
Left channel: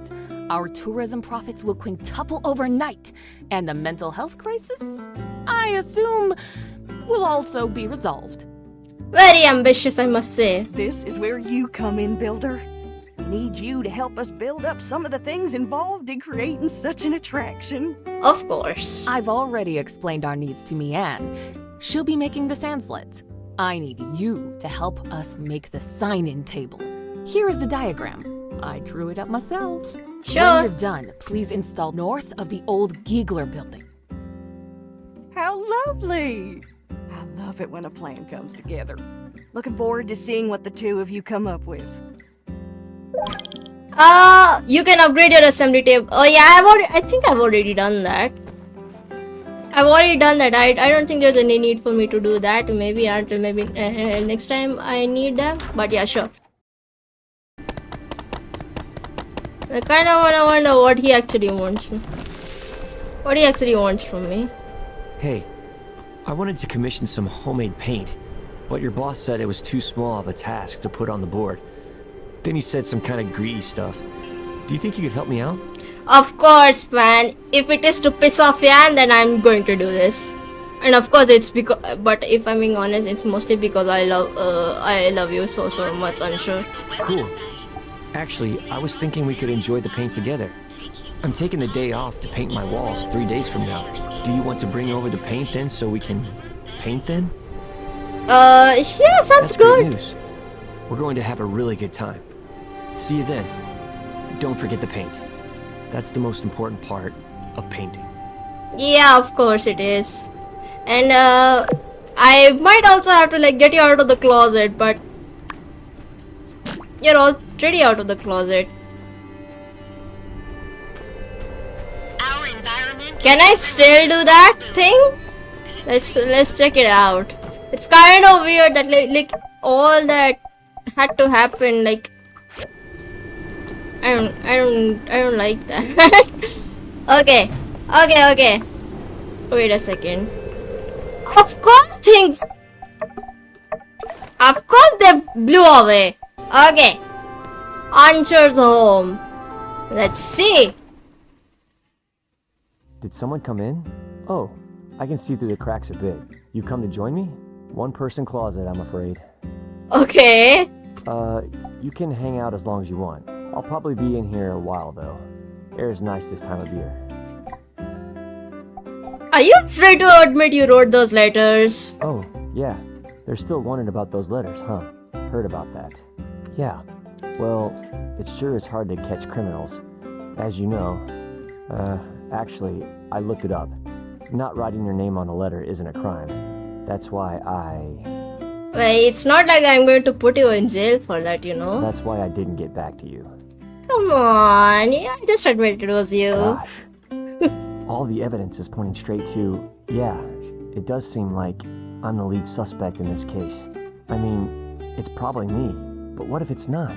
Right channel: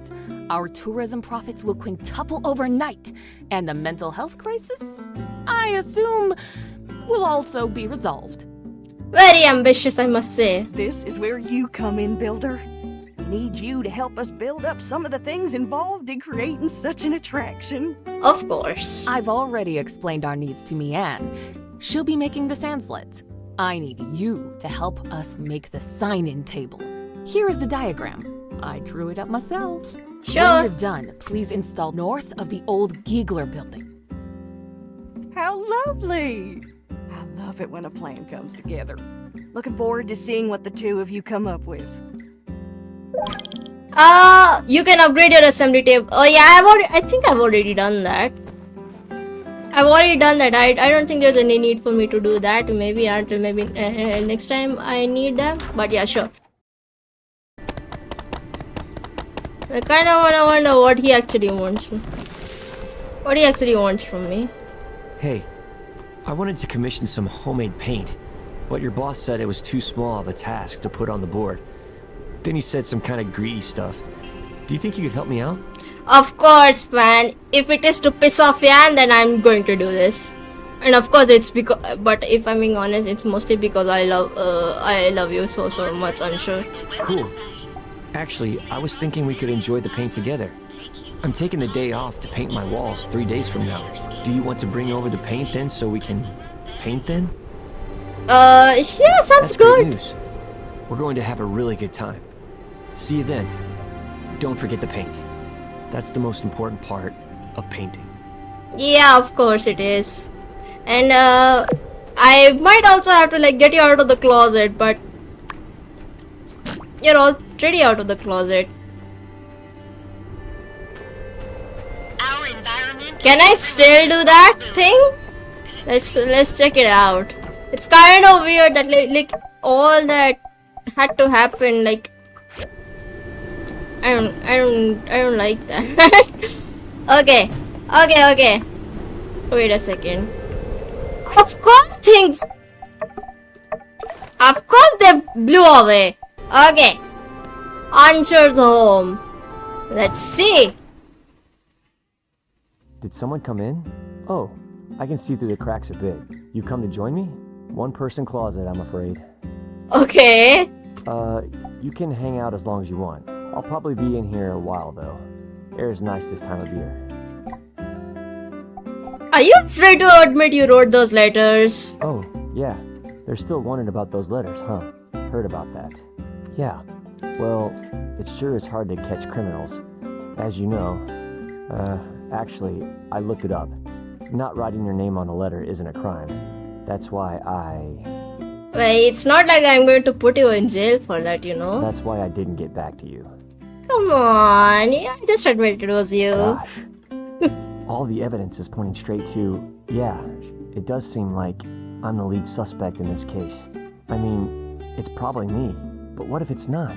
Our tourism profits will quintuple overnight. And the mental health crisis, I assume, will also be resolved. Very ambitious, I must say. This is where you come in, Builder. We need you to help us build up some of the things involved in creating such an attraction. Of course. I've already explained our needs to Mianne. She'll be making the sand sleds. I need you to help us make the sign-in table. Here is the diagram. I drew it up myself. Sure. When you're done, please install north of the old Giegler building. How lovely! I love it when a plan comes together. Looking forward to seeing what the two of you come up with. You can upgrade your assembly table. Oh yeah, I think I've already done that. I've already done that. I don't think there's any need for me to do that. Maybe until next time I need them. But yeah, sure. I kind of wonder what he actually wants. What he actually wants from me. Hey, I wanted to commission some homemade paint, but your boss said it was too small of a task to put on the board. Then he said some kind of greedy stuff. Do you think you could help me out? Of course, man. If it is to piss off Yan, then I'm going to do this. And of course, it's because. But if I'm being honest, it's mostly because I love you so much. Unsure. Cool. Actually, I was thinking we could enjoy the paint together. I'm taking the day off to paint my walls 3 days from now. Do you want to bring over the paint then, so we can paint then? Yeah, sounds That's good. great news. We're going to have a really good time. See you then. Don't forget the paint. That's the most important part of painting. Yeah, of course it is. And I might also have to get you out of the closet, but you're already out of the closet. Our environment. Can I still do that thing? Let's check it out. It's kind of weird that like all that had to happen. I don't like that. Okay. Wait a second. Of course they blew away. Okay. Unsuur's home. Let's see. Did someone come in? Oh, I can see through the cracks a bit. You come to join me? One person closet, I'm afraid. Okay. You can hang out as long as you want. I'll probably be in here a while though. Air's nice this time of year. Are you afraid to admit you wrote those letters? Oh, yeah. They're still wondering about those letters, huh? Heard about that. Yeah. Well, it sure is hard to catch criminals. As you know. Actually, I looked it up. Not writing your name on a letter isn't a crime. That's why Well, it's not like I'm going to put you in jail for that, you know. That's why I didn't get back to you. Come on, yeah, just admit it was you. Gosh. All the evidence is pointing straight to, yeah, it does seem like I'm the lead suspect in this case. I mean, it's probably me, but what if it's not?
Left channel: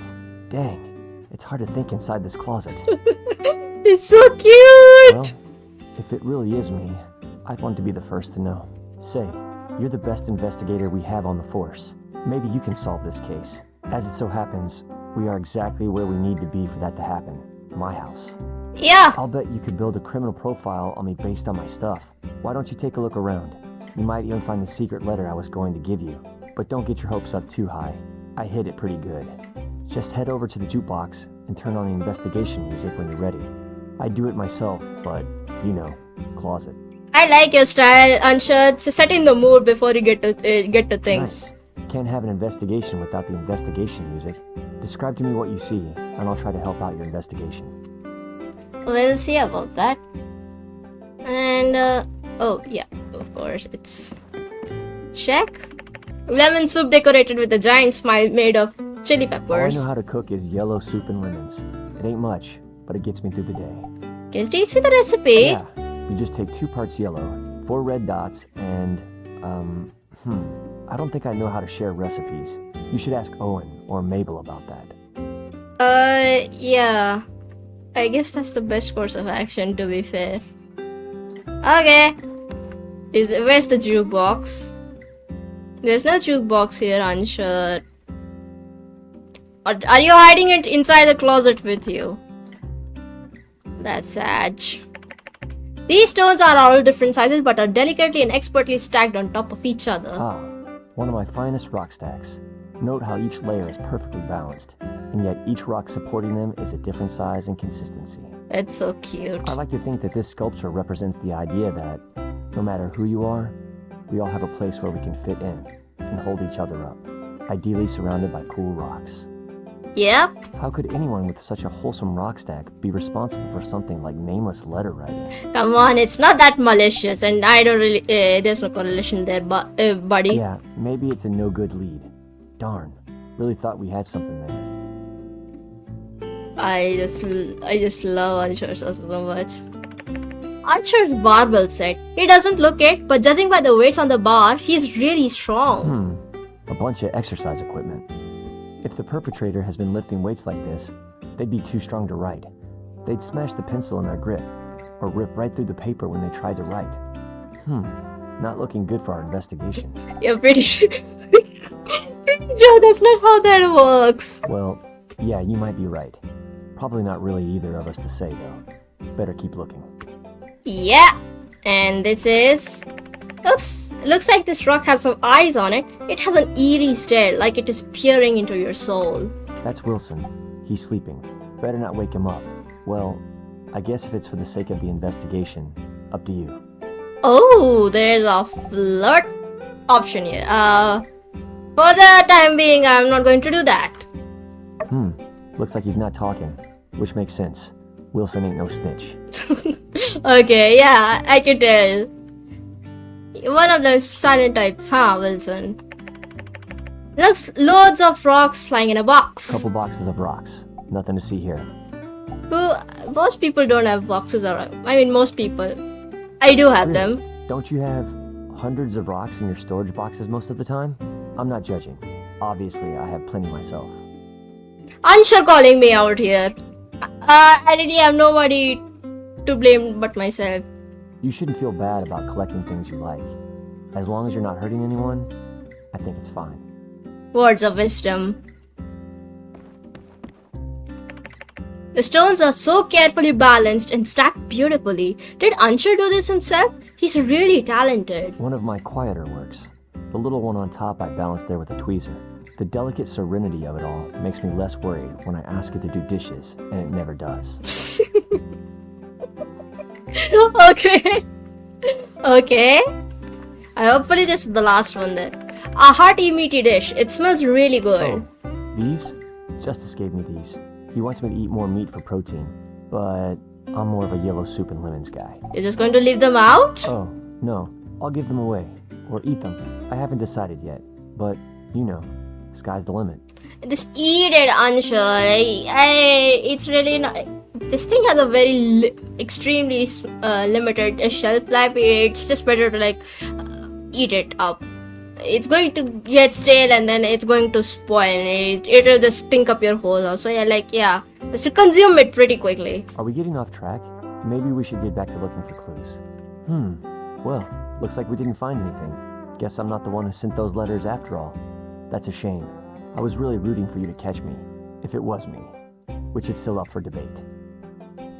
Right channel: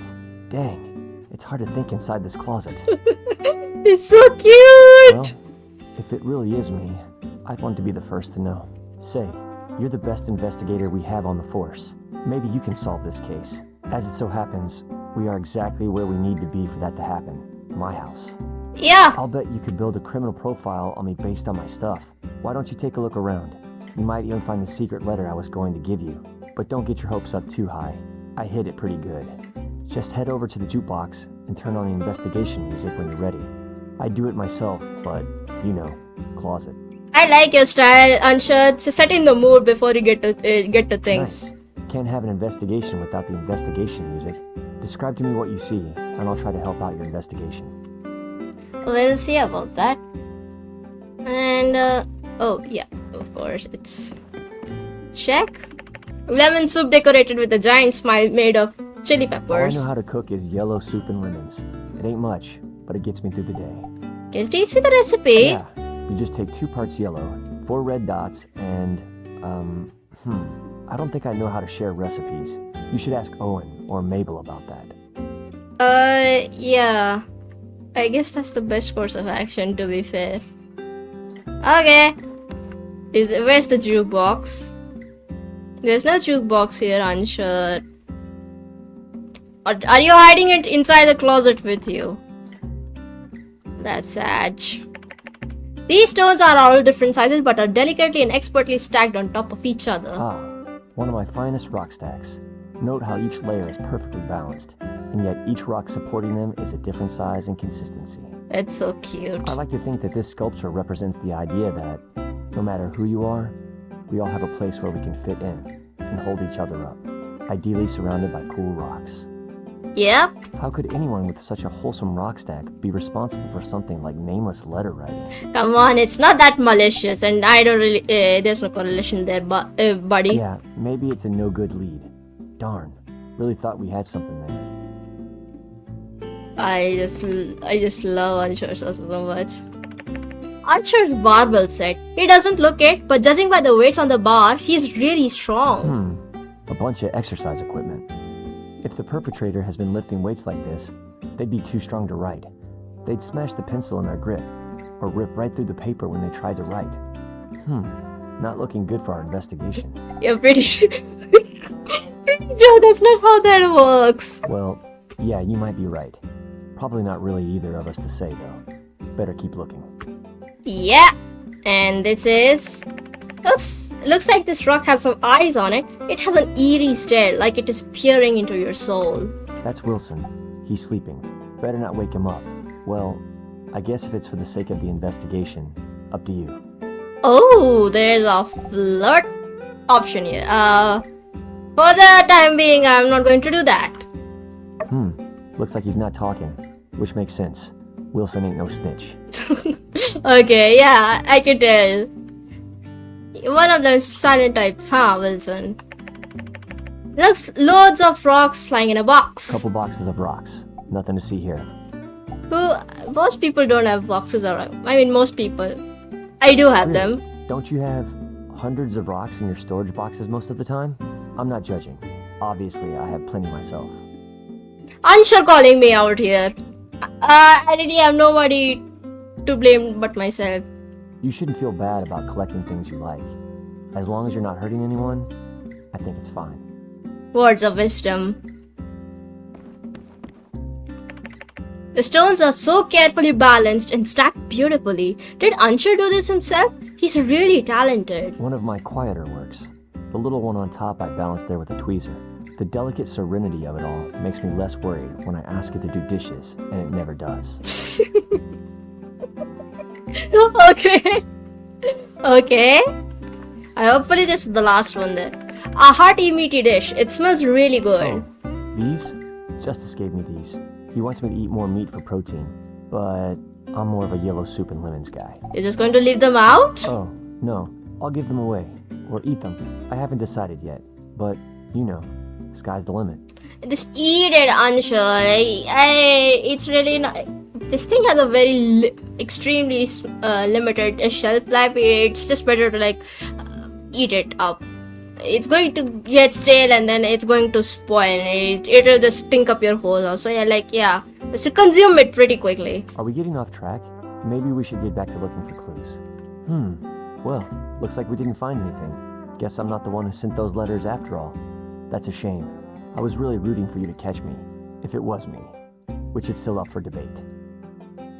Dang, it's hard to think inside this closet. It's so cute! Well, if it really is me, I'd want to be the first to know. Say, you're the best investigator we have on the force. Maybe you can solve this case. As it so happens, we are exactly where we need to be for that to happen. My house. Yeah! I'll bet you could build a criminal profile on me based on my stuff. Why don't you take a look around? You might even find the secret letter I was going to give you. But don't get your hopes up too high. I hid it pretty good. Just head over to the jukebox and turn on the investigation music when you're ready. I do it myself, but, you know, closet. I like your style, Unsure. Set in the mood before you get to things. Nice. can't have an investigation without the investigation music. Describe to me what you see, and I'll try to help out your investigation. We'll see about that. And, oh, yeah, of course, it's... Check. Lemon soup decorated with a giant smile made of chili All I peppers. know how to cook is yellow soup and lemons. It ain't much, but it gets me through the day. Can you teach me the recipe? Yeah, you just take 2 parts yellow, 4 red dots, and, I don't think I know how to share recipes. You should ask Owen or Mabel about that. Yeah. I guess that's the best course of action, to be fair. Okay. Where's the jukebox? There's no jukebox here, Unsuur. Are you hiding it inside the closet with you? That's sad. These stones are all different sizes but are delicately and expertly stacked on top of each other. Ah, one of my finest rock stacks. Note how each layer is perfectly balanced, and yet each rock supporting them is a different size and consistency. It's so cute. I like to think that this sculpture represents the idea that, no matter who you are, we all have a place where we can fit in and hold each other up, ideally surrounded by cool rocks. Yep. How could anyone with such a wholesome rock stack be responsible for something like nameless letter writing? Come on, it's not that malicious, and I don't really. There's no correlation there, buddy. Yeah, maybe it's a no good lead. Darn, really thought we had something there. I just love Unsuur so much. Unsuur's barbell set. He doesn't look it, but judging by the weights on the bar, he's really strong. A bunch of exercise equipment. If the perpetrator has been lifting weights like this, they'd be too strong to write. They'd smash the pencil in their grip, or rip right through the paper when they tried to write. Not looking good for our investigation. You're pretty sure that's not how that works. Well, yeah, you might be right. Probably not really either of us to say, though. Better keep looking. Yeah, and this is... Looks like this rock has some eyes on it. It has an eerie stare, like it is peering into your soul. That's Wilson. He's sleeping. Better not wake him up. Well, I guess if it's for the sake of the investigation, up to you. Oh, there's a flirt option here. For the time being, I'm not going to do that. Looks like he's not talking, which makes sense. Wilson ain't no snitch. Okay, yeah, I can tell. One of the silent types, huh, Wilson? Looks loads of rocks lying in a box. Couple boxes of rocks. Nothing to see here. Well, most people don't have boxes around. I mean, most people. I do have Really? them. Don't you have hundreds of rocks in your storage boxes most of the time? I'm not judging. Obviously, I have plenty myself. Unsuur calling me out here. I really have nobody to blame but myself. You shouldn't feel bad about collecting things you like. As long as you're not hurting anyone, I think it's fine. Words of wisdom. The stones are so carefully balanced and stacked beautifully. Did Unsuur do this himself? He's really talented. One of my quieter works. The little one on top I balanced there with a tweezer. The delicate serenity of it all makes me less worried when I ask it to do dishes, and it never does. Okay. Hopefully this is the last one then. A hearty meaty dish. It smells really good. Oh, these? Justice gave me these. He wants me to eat more meat for protein, but I'm more of a yellow soup and lemons guy. You're just going to leave them out? Oh, no. I'll give them away. Or eat them. I haven't decided yet. But, you know, sky's the limit. Just eat it, Unsuur. It's really not... This thing has a very extremely limited shelf life. It's just better to eat it up. It's going to get stale and then it's going to spoil. It'll just stink up your whole house. So just to consume it pretty quickly. Are we getting off track? Maybe we should get back to looking for clues. Well, looks like we didn't find anything. Guess I'm not the one who sent those letters after all. That's a shame. I was really rooting for you to catch me, if it was me, which is still up for debate.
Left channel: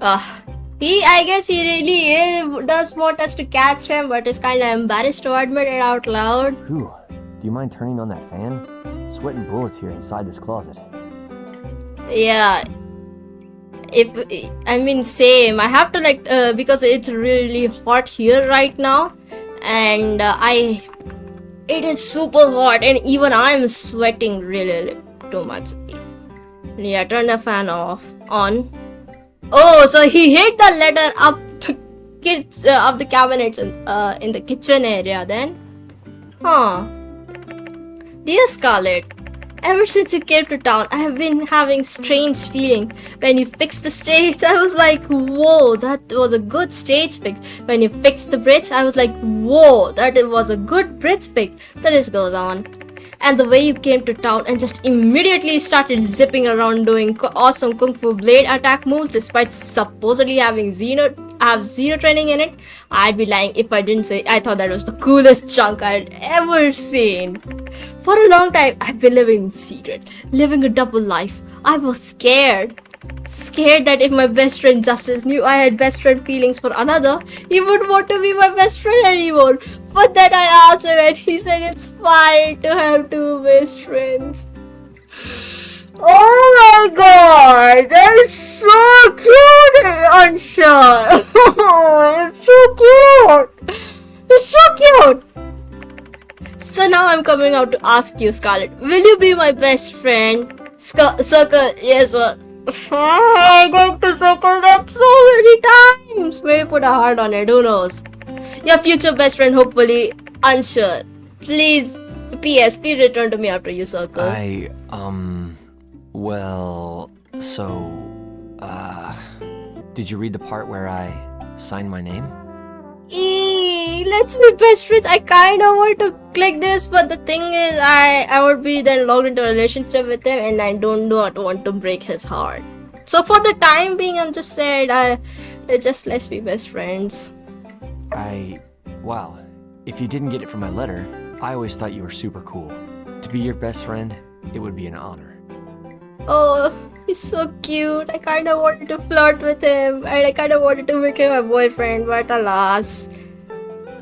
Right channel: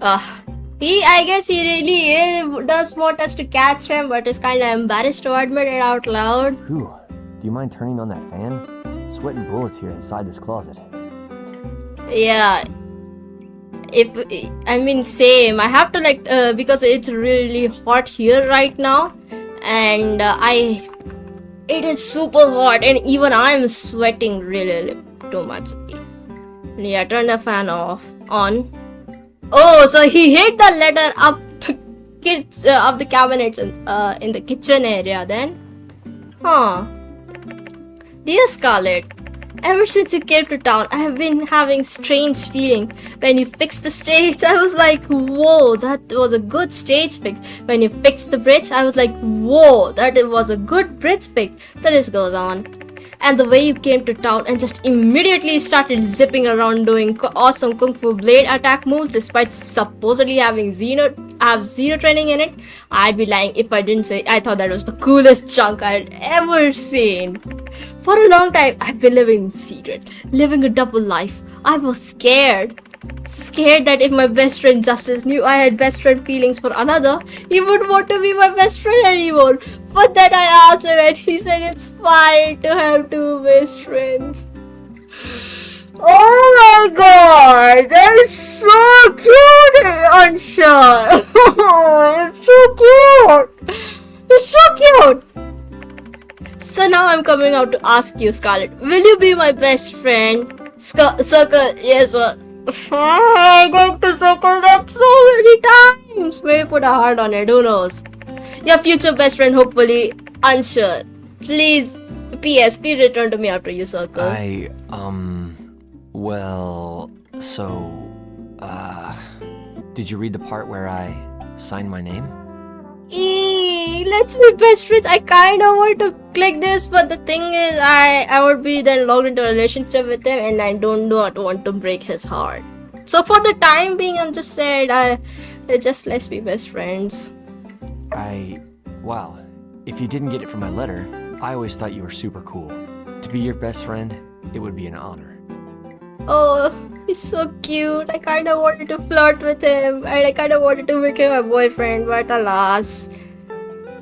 I guess he really does want us to catch him, but is kind of embarrassed to admit it out loud. Ooh, do you mind turning on that fan? Sweating bullets here inside this closet. Yeah. Same. I have to because it's really hot here right now, and It is super hot and even I am sweating really too much. Yeah, turn the fan on. Oh, so he hid the letter up the cabinets in the kitchen area then? Huh. Dear Scarlett, ever since you came to town, I have been having strange feeling. When you fixed the stage, I was like, whoa, that was a good stage fix. When you fixed the bridge, I was like, whoa, that was a good bridge fix. The list goes on. And the way you came to town and just immediately started zipping around doing awesome kung fu blade attack moves despite supposedly having zero training in it, I'd be lying if I didn't say I thought that was the coolest chunk I had ever seen. For a long time, I've been living in secret, living a double life. I was scared. Scared that if my best friend Justice knew I had best friend feelings for another, he wouldn't want to be my best friend anymore. But then I asked him and he said it's fine to have two best friends. Oh my god, that is so cute, Unsuur. It's so cute. It's so cute. So now I'm coming out to ask you, Scarlett, will you be my best friend? Circle, yes or I'm going to circle that so many times. Maybe put a heart on it, who knows? Your future best friend, hopefully, Unsuur. Please, P.S. Please return to me after you circle. Well, so, did you read the part where I signed my name? Let's be best friends. I kind of want to click this, but the thing is, I would be then logged into a relationship with him, and I don't want to break his heart. So for the time being, I'm just saying, let's be best friends. Wow, if you didn't get it from my letter, I always thought you were super cool. To be your best friend, it would be an honor. Oh, he's so cute. I kind of wanted to flirt with him, and I kind of wanted to make him my boyfriend, but alas.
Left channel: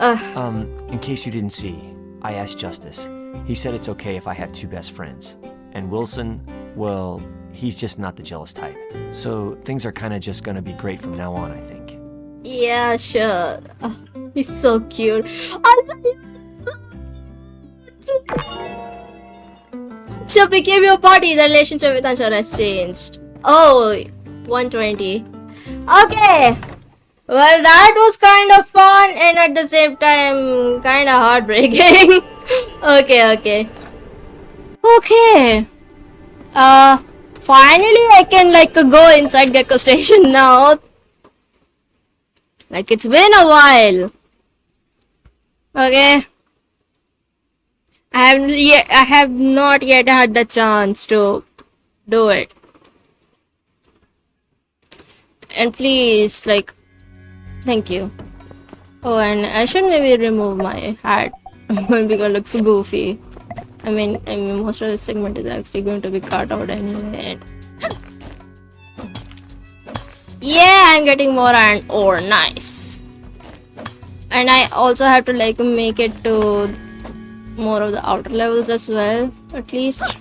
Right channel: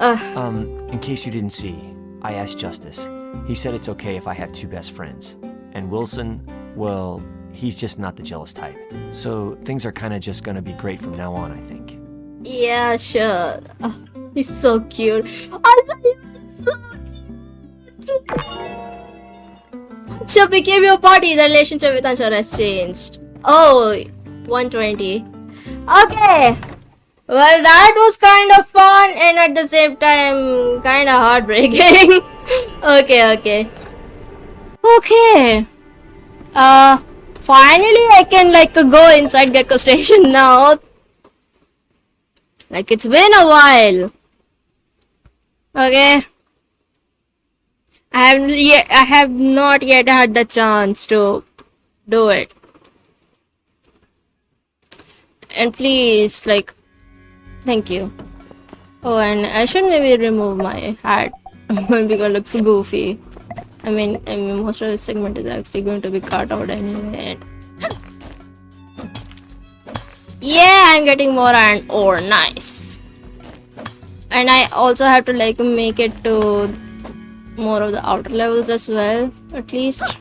In case you didn't see, I asked Justice. He said it's okay if I have two best friends. And Wilson, well, he's just not the jealous type. So things are kind of just gonna be great from now on, I think. Yeah, sure. He's so cute. I thought he was so cute. So became your body. The relationship with Unsuur has changed. Oh, 120. Okay. Well, that was kind of fun and at the same time kind of heartbreaking. Okay. Finally I can go inside the station now. It's been a while. Okay. I have not yet had the chance to do it. And please, thank you. Oh, and I should maybe remove my hat because it looks goofy. I mean, most of the segment is actually going to be cut out anyway. Yeah, I'm getting more iron ore. Nice. And I also have to make it to more of the outer levels as well, at least.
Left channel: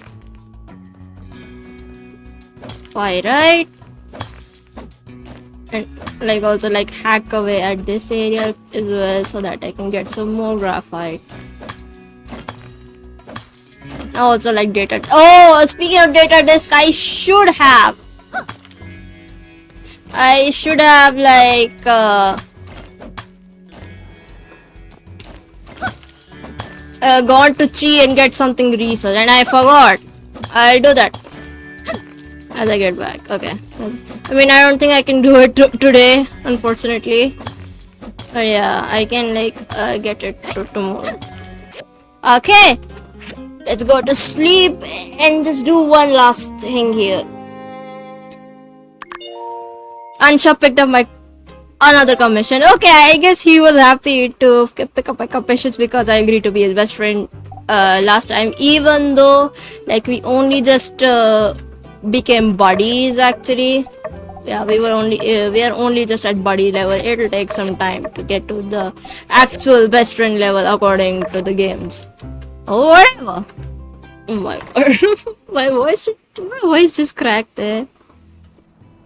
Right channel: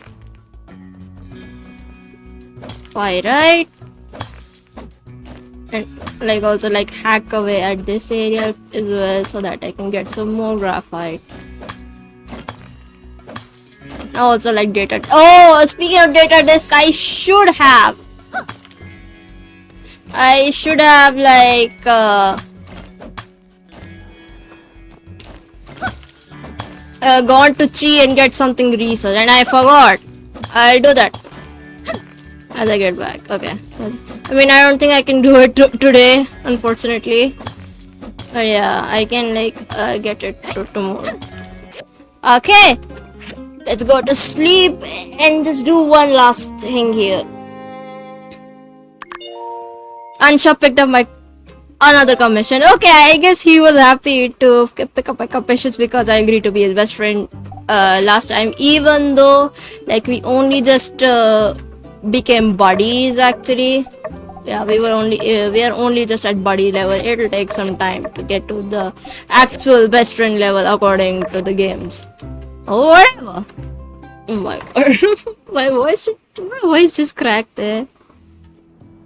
Pyrite. And also hack away at this area as well so that I can get some more graphite. I also data. Oh, speaking of data disk, I should have gone to Chi and get something research, and I forgot. I'll do that as I get back. Okay. I mean, I don't think I can do it today, unfortunately. But yeah, I can get it tomorrow. Okay. Let's go to sleep and just do one last thing here. Unsuur picked up another commission. Okay, I guess he was happy to pick up my commissions because I agreed to be his best friend last time, even though we only just became buddies actually. Yeah, we are only just at buddy level. It'll take some time to get to the actual best friend level according to the games. Oh, whatever. Oh my god. my voice just cracked there.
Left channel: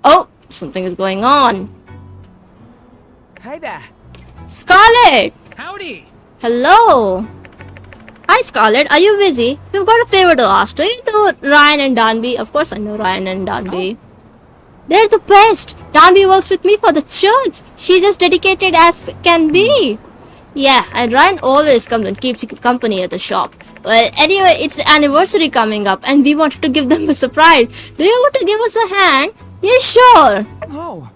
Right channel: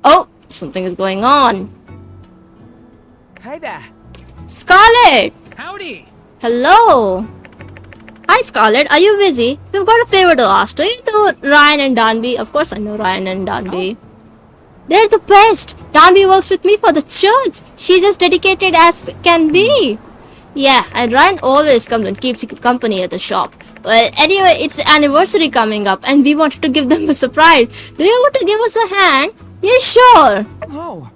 Oh, something is going on. Hey there. Scarlett! Howdy! Hello! Hi Scarlett, are you busy? We've got a favor to ask. Do you know Ryan and Danby? Of course I know Ryan and Danby. They're the best. Danby works with me for the church. She's as dedicated as can be. Yeah, and Ryan always comes and keeps company at the shop. Well, anyway, it's the anniversary coming up and we wanted to give them a surprise. Do you want to give us a hand? Yeah, sure. Oh.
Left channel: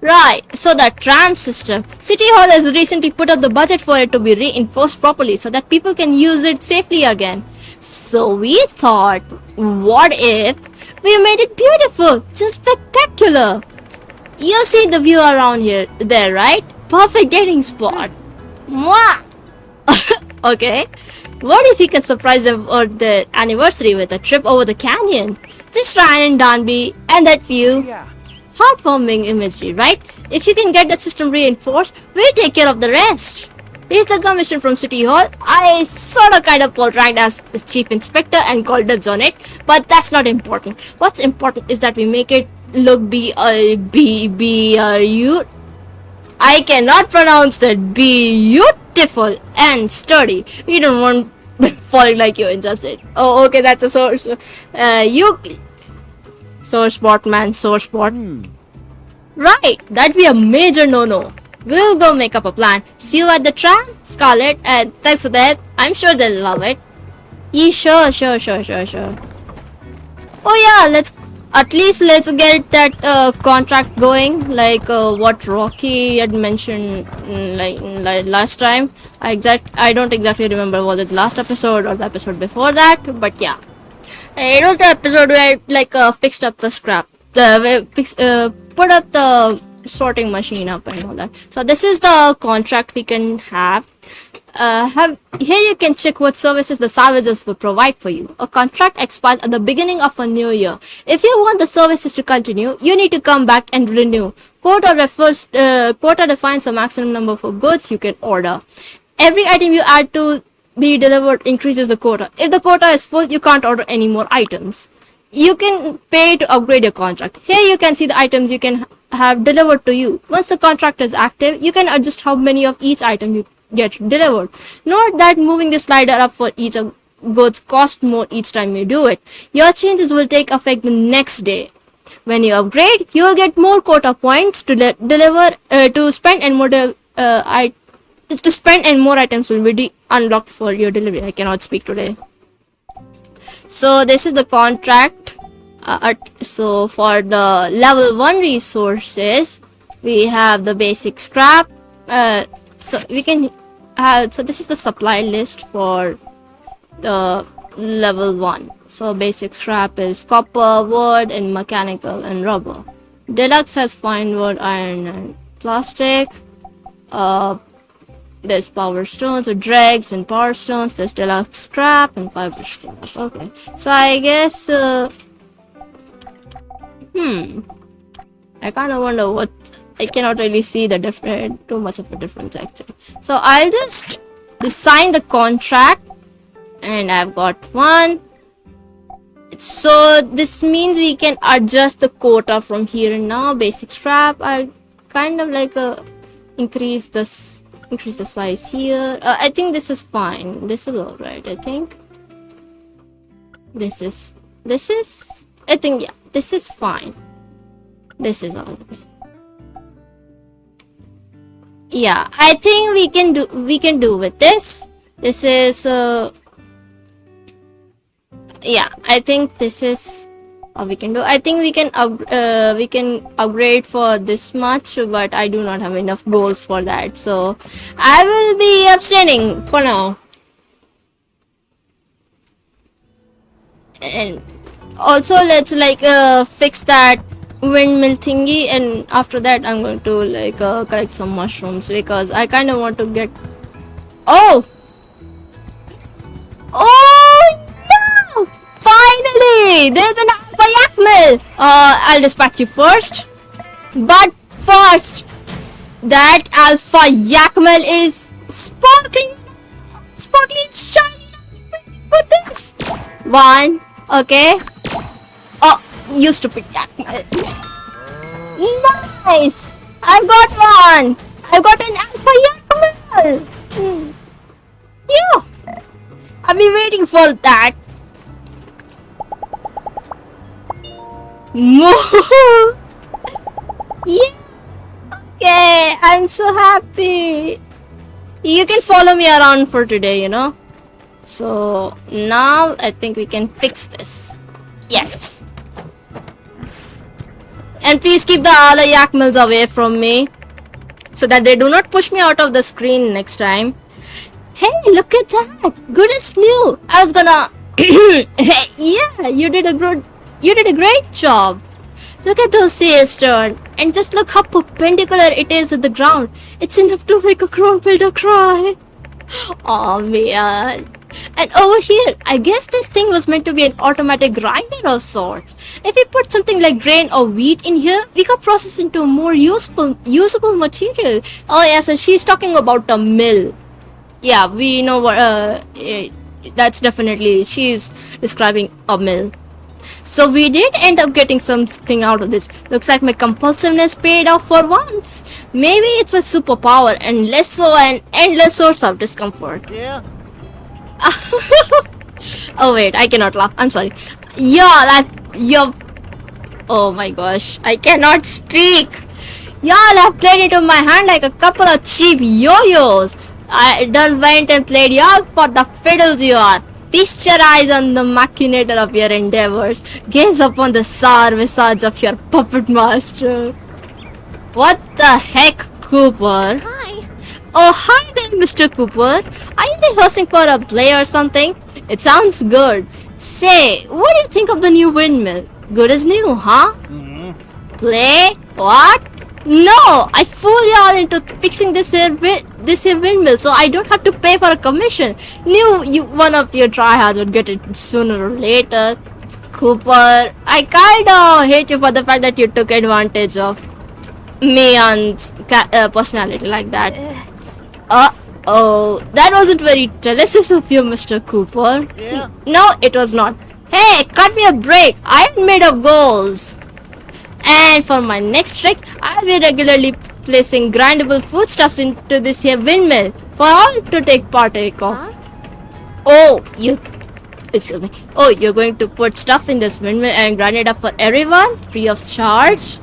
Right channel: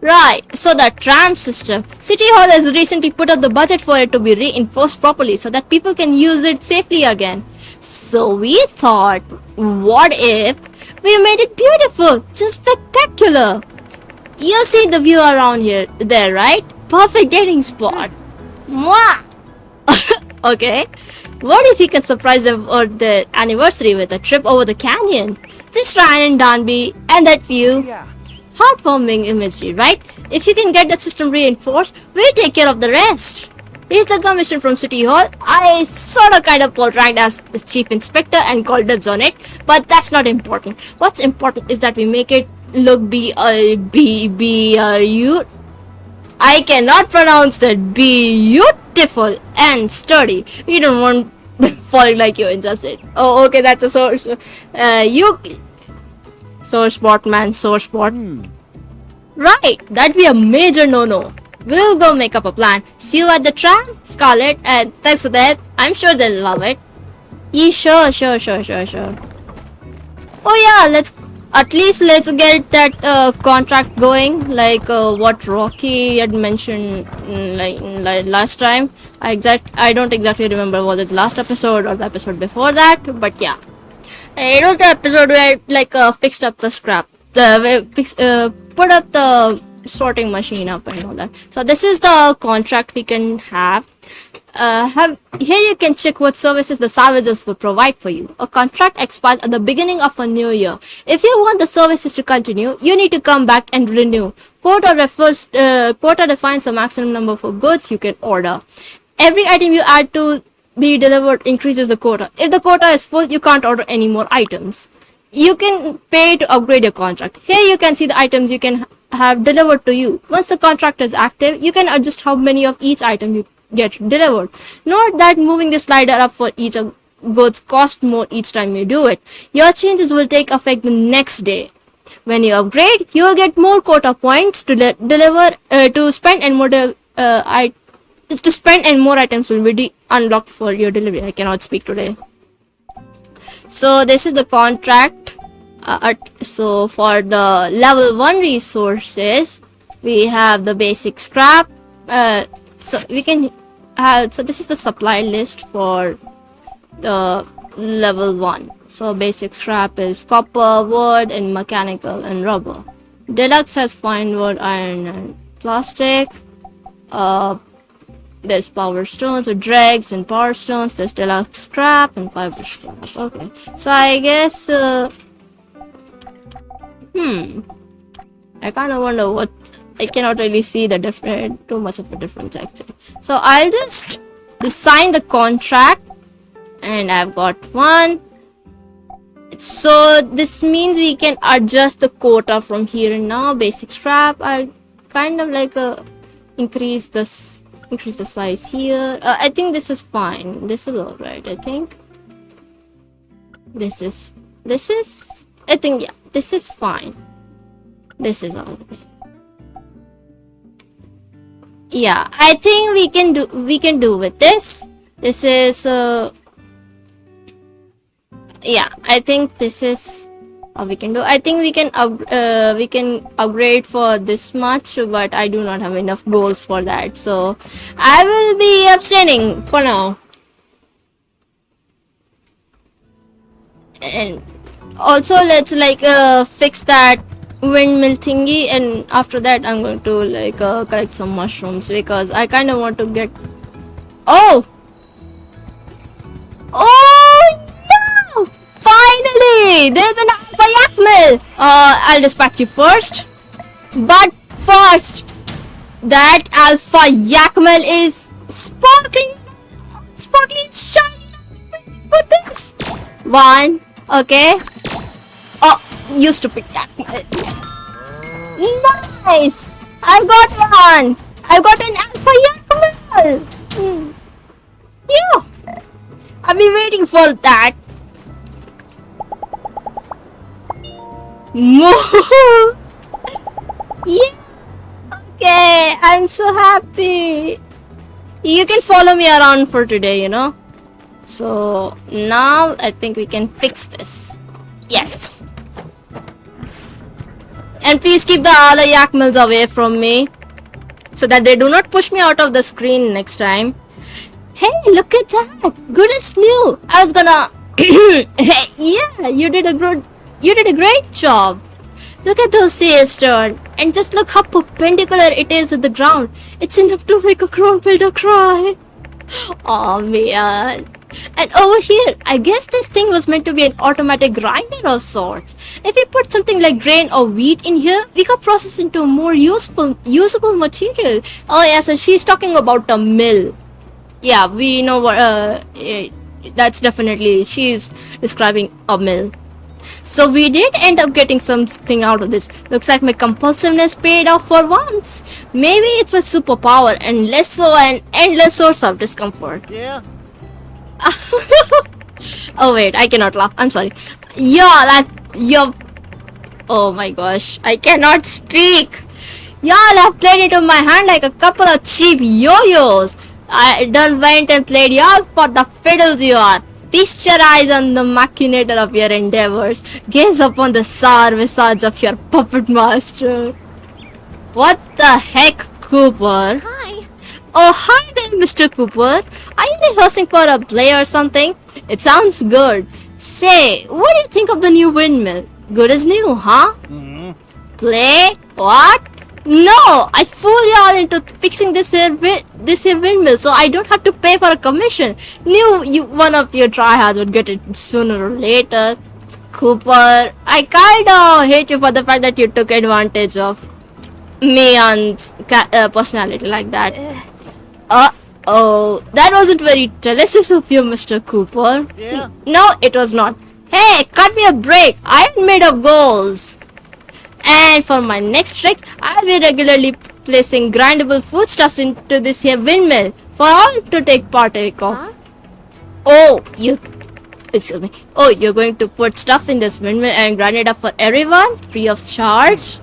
Right, so the tram system. City Hall has recently put up the budget for it to be reinforced properly so that people can use it safely again. So we thought, what if we made it beautiful, just spectacular? You see the view around there, right? Perfect dating spot. Mwah! Okay, what if we can surprise them for the anniversary with a trip over the canyon? Just Ryan and Danby and that view. Yeah. Heartwarming imagery, right? If you can get that system reinforced, we'll take care of the rest. Here's the commission from City Hall. I sort of kind of ranked as the chief inspector and called dibs on it, but that's not important. What's important is that we make it look I cannot pronounce that. Beautiful and sturdy. We don't want falling like you just Oh, okay, that's a source. Sore spot, man, sore spot. Right, that'd be a major no-no. We'll go make up a plan. See you at the tram, Scarlett, and thanks for that. I'm sure they'll love it. Yeah, sure. Oh yeah, let's get that contract going, like what Rocky had mentioned like last time. I don't exactly remember, was it last episode or the episode before that, but yeah. It was the episode where fixed up the scrap, put up the sorting machine up and all that. So this is the contract we can have. Here you can check what services the salvagers will provide for you. A contract expires at the beginning of a new year. If you want the services to continue, you need to come back and renew. Quota defines the maximum number of goods you can order. Every item you add to be delivered increases the quota. If the quota is full, you can't order any more items. You can pay to upgrade your contract. Here you can see the items you can have delivered to you. Once the contract is active, you can adjust how many of each item you get delivered. Note that moving the slider up for each goods costs more each time you do it. Your changes will take effect the next day. When you upgrade, you will get more quota points to spend, and more items will be unlocked for your delivery. I cannot speak today. So this is the contract. So for the level 1 resources, we have the basic scrap. So this is the supply list for the level 1. So basic scrap is copper, wood, and mechanical and rubber. Deluxe has fine wood, iron, and plastic. There's power stones or dregs and power stones. There's deluxe scrap and fiber scrap. Okay, so I guess I kind of wonder what. I cannot really see the too much of a difference actually. So I'll just sign the contract, and I've got one. So this means we can adjust the quota from here and now. Basic scrap, I'll kind of increase the size here. I think this is fine. This is alright. I think this is I think, yeah, this is fine. This is alright. Yeah, I think we can do with this. This is yeah, I think this is how we can do. I think we can upgrade for this much, but I do not have enough goals for that, so I will be abstaining for now. And also let's fix that windmill thingy, and after that I'm going to collect some mushrooms because I kind of want to get. Oh no! Finally, there's an alpha yak mill. I'll dispatch you first, but first, that alpha yak mill is sparkling shiny. Put this one, okay? Oh, you stupid yak mill. Nice! I've got one! I've got an alpha yak mill! Yeah! I've been waiting for that. More. Yeah. Okay, I'm so happy. You can follow me around for today, you know. So now I think we can fix this. Yes. And please keep the other yak mills away from me so that they do not push me out of the screen next time. Hey, look at that! Good as new. I was gonna. Hey, yeah, you did a great job. Look at those sails turn, and just look how perpendicular it is to the ground. It's enough to make a crown builder cry. Oh man. And over here, I guess this thing was meant to be an automatic grinder of sorts. If we put something like grain or wheat in here, we could process into more usable material. Oh yes, and she's talking about a mill. Yeah, we know what, that's definitely, she's describing a mill. So we did end up getting something out of this. Looks like my compulsiveness paid off for once. Maybe it's my superpower and less so an endless source of discomfort. Yeah. Oh wait, I cannot laugh. I'm sorry. You're... Oh my gosh, I cannot speak. Y'all have played into my hand like a couple of cheap yo-yos. I done went and played y'all for the fiddles you are. Feast your eyes on the machinator of your endeavors. Gaze upon the sour visage of your puppet master. What the heck, Cooper? Hi. Oh, hi there, Mr. Cooper. Are you rehearsing for a play or something? It sounds good. Say, what do you think of the new windmill? Good as new, huh? Play? What? No, I fooled y'all into fixing this here windmill, so I don't have to pay for a commission. Knew one of your tryhards would get it sooner or later. Cooper, I kinda hate you for the fact that you took advantage of me and personality like that. Oh, that wasn't very delicious of you, Mr. Cooper. Yeah. No, it was not. Hey, cut me a break. I'm made of goals. And for my next trick, I'll be regularly placing grindable foodstuffs into this here windmill for all to partake of. Huh? Oh, excuse me. Oh, you're going to put stuff in this windmill and grind it up for everyone, free of charge?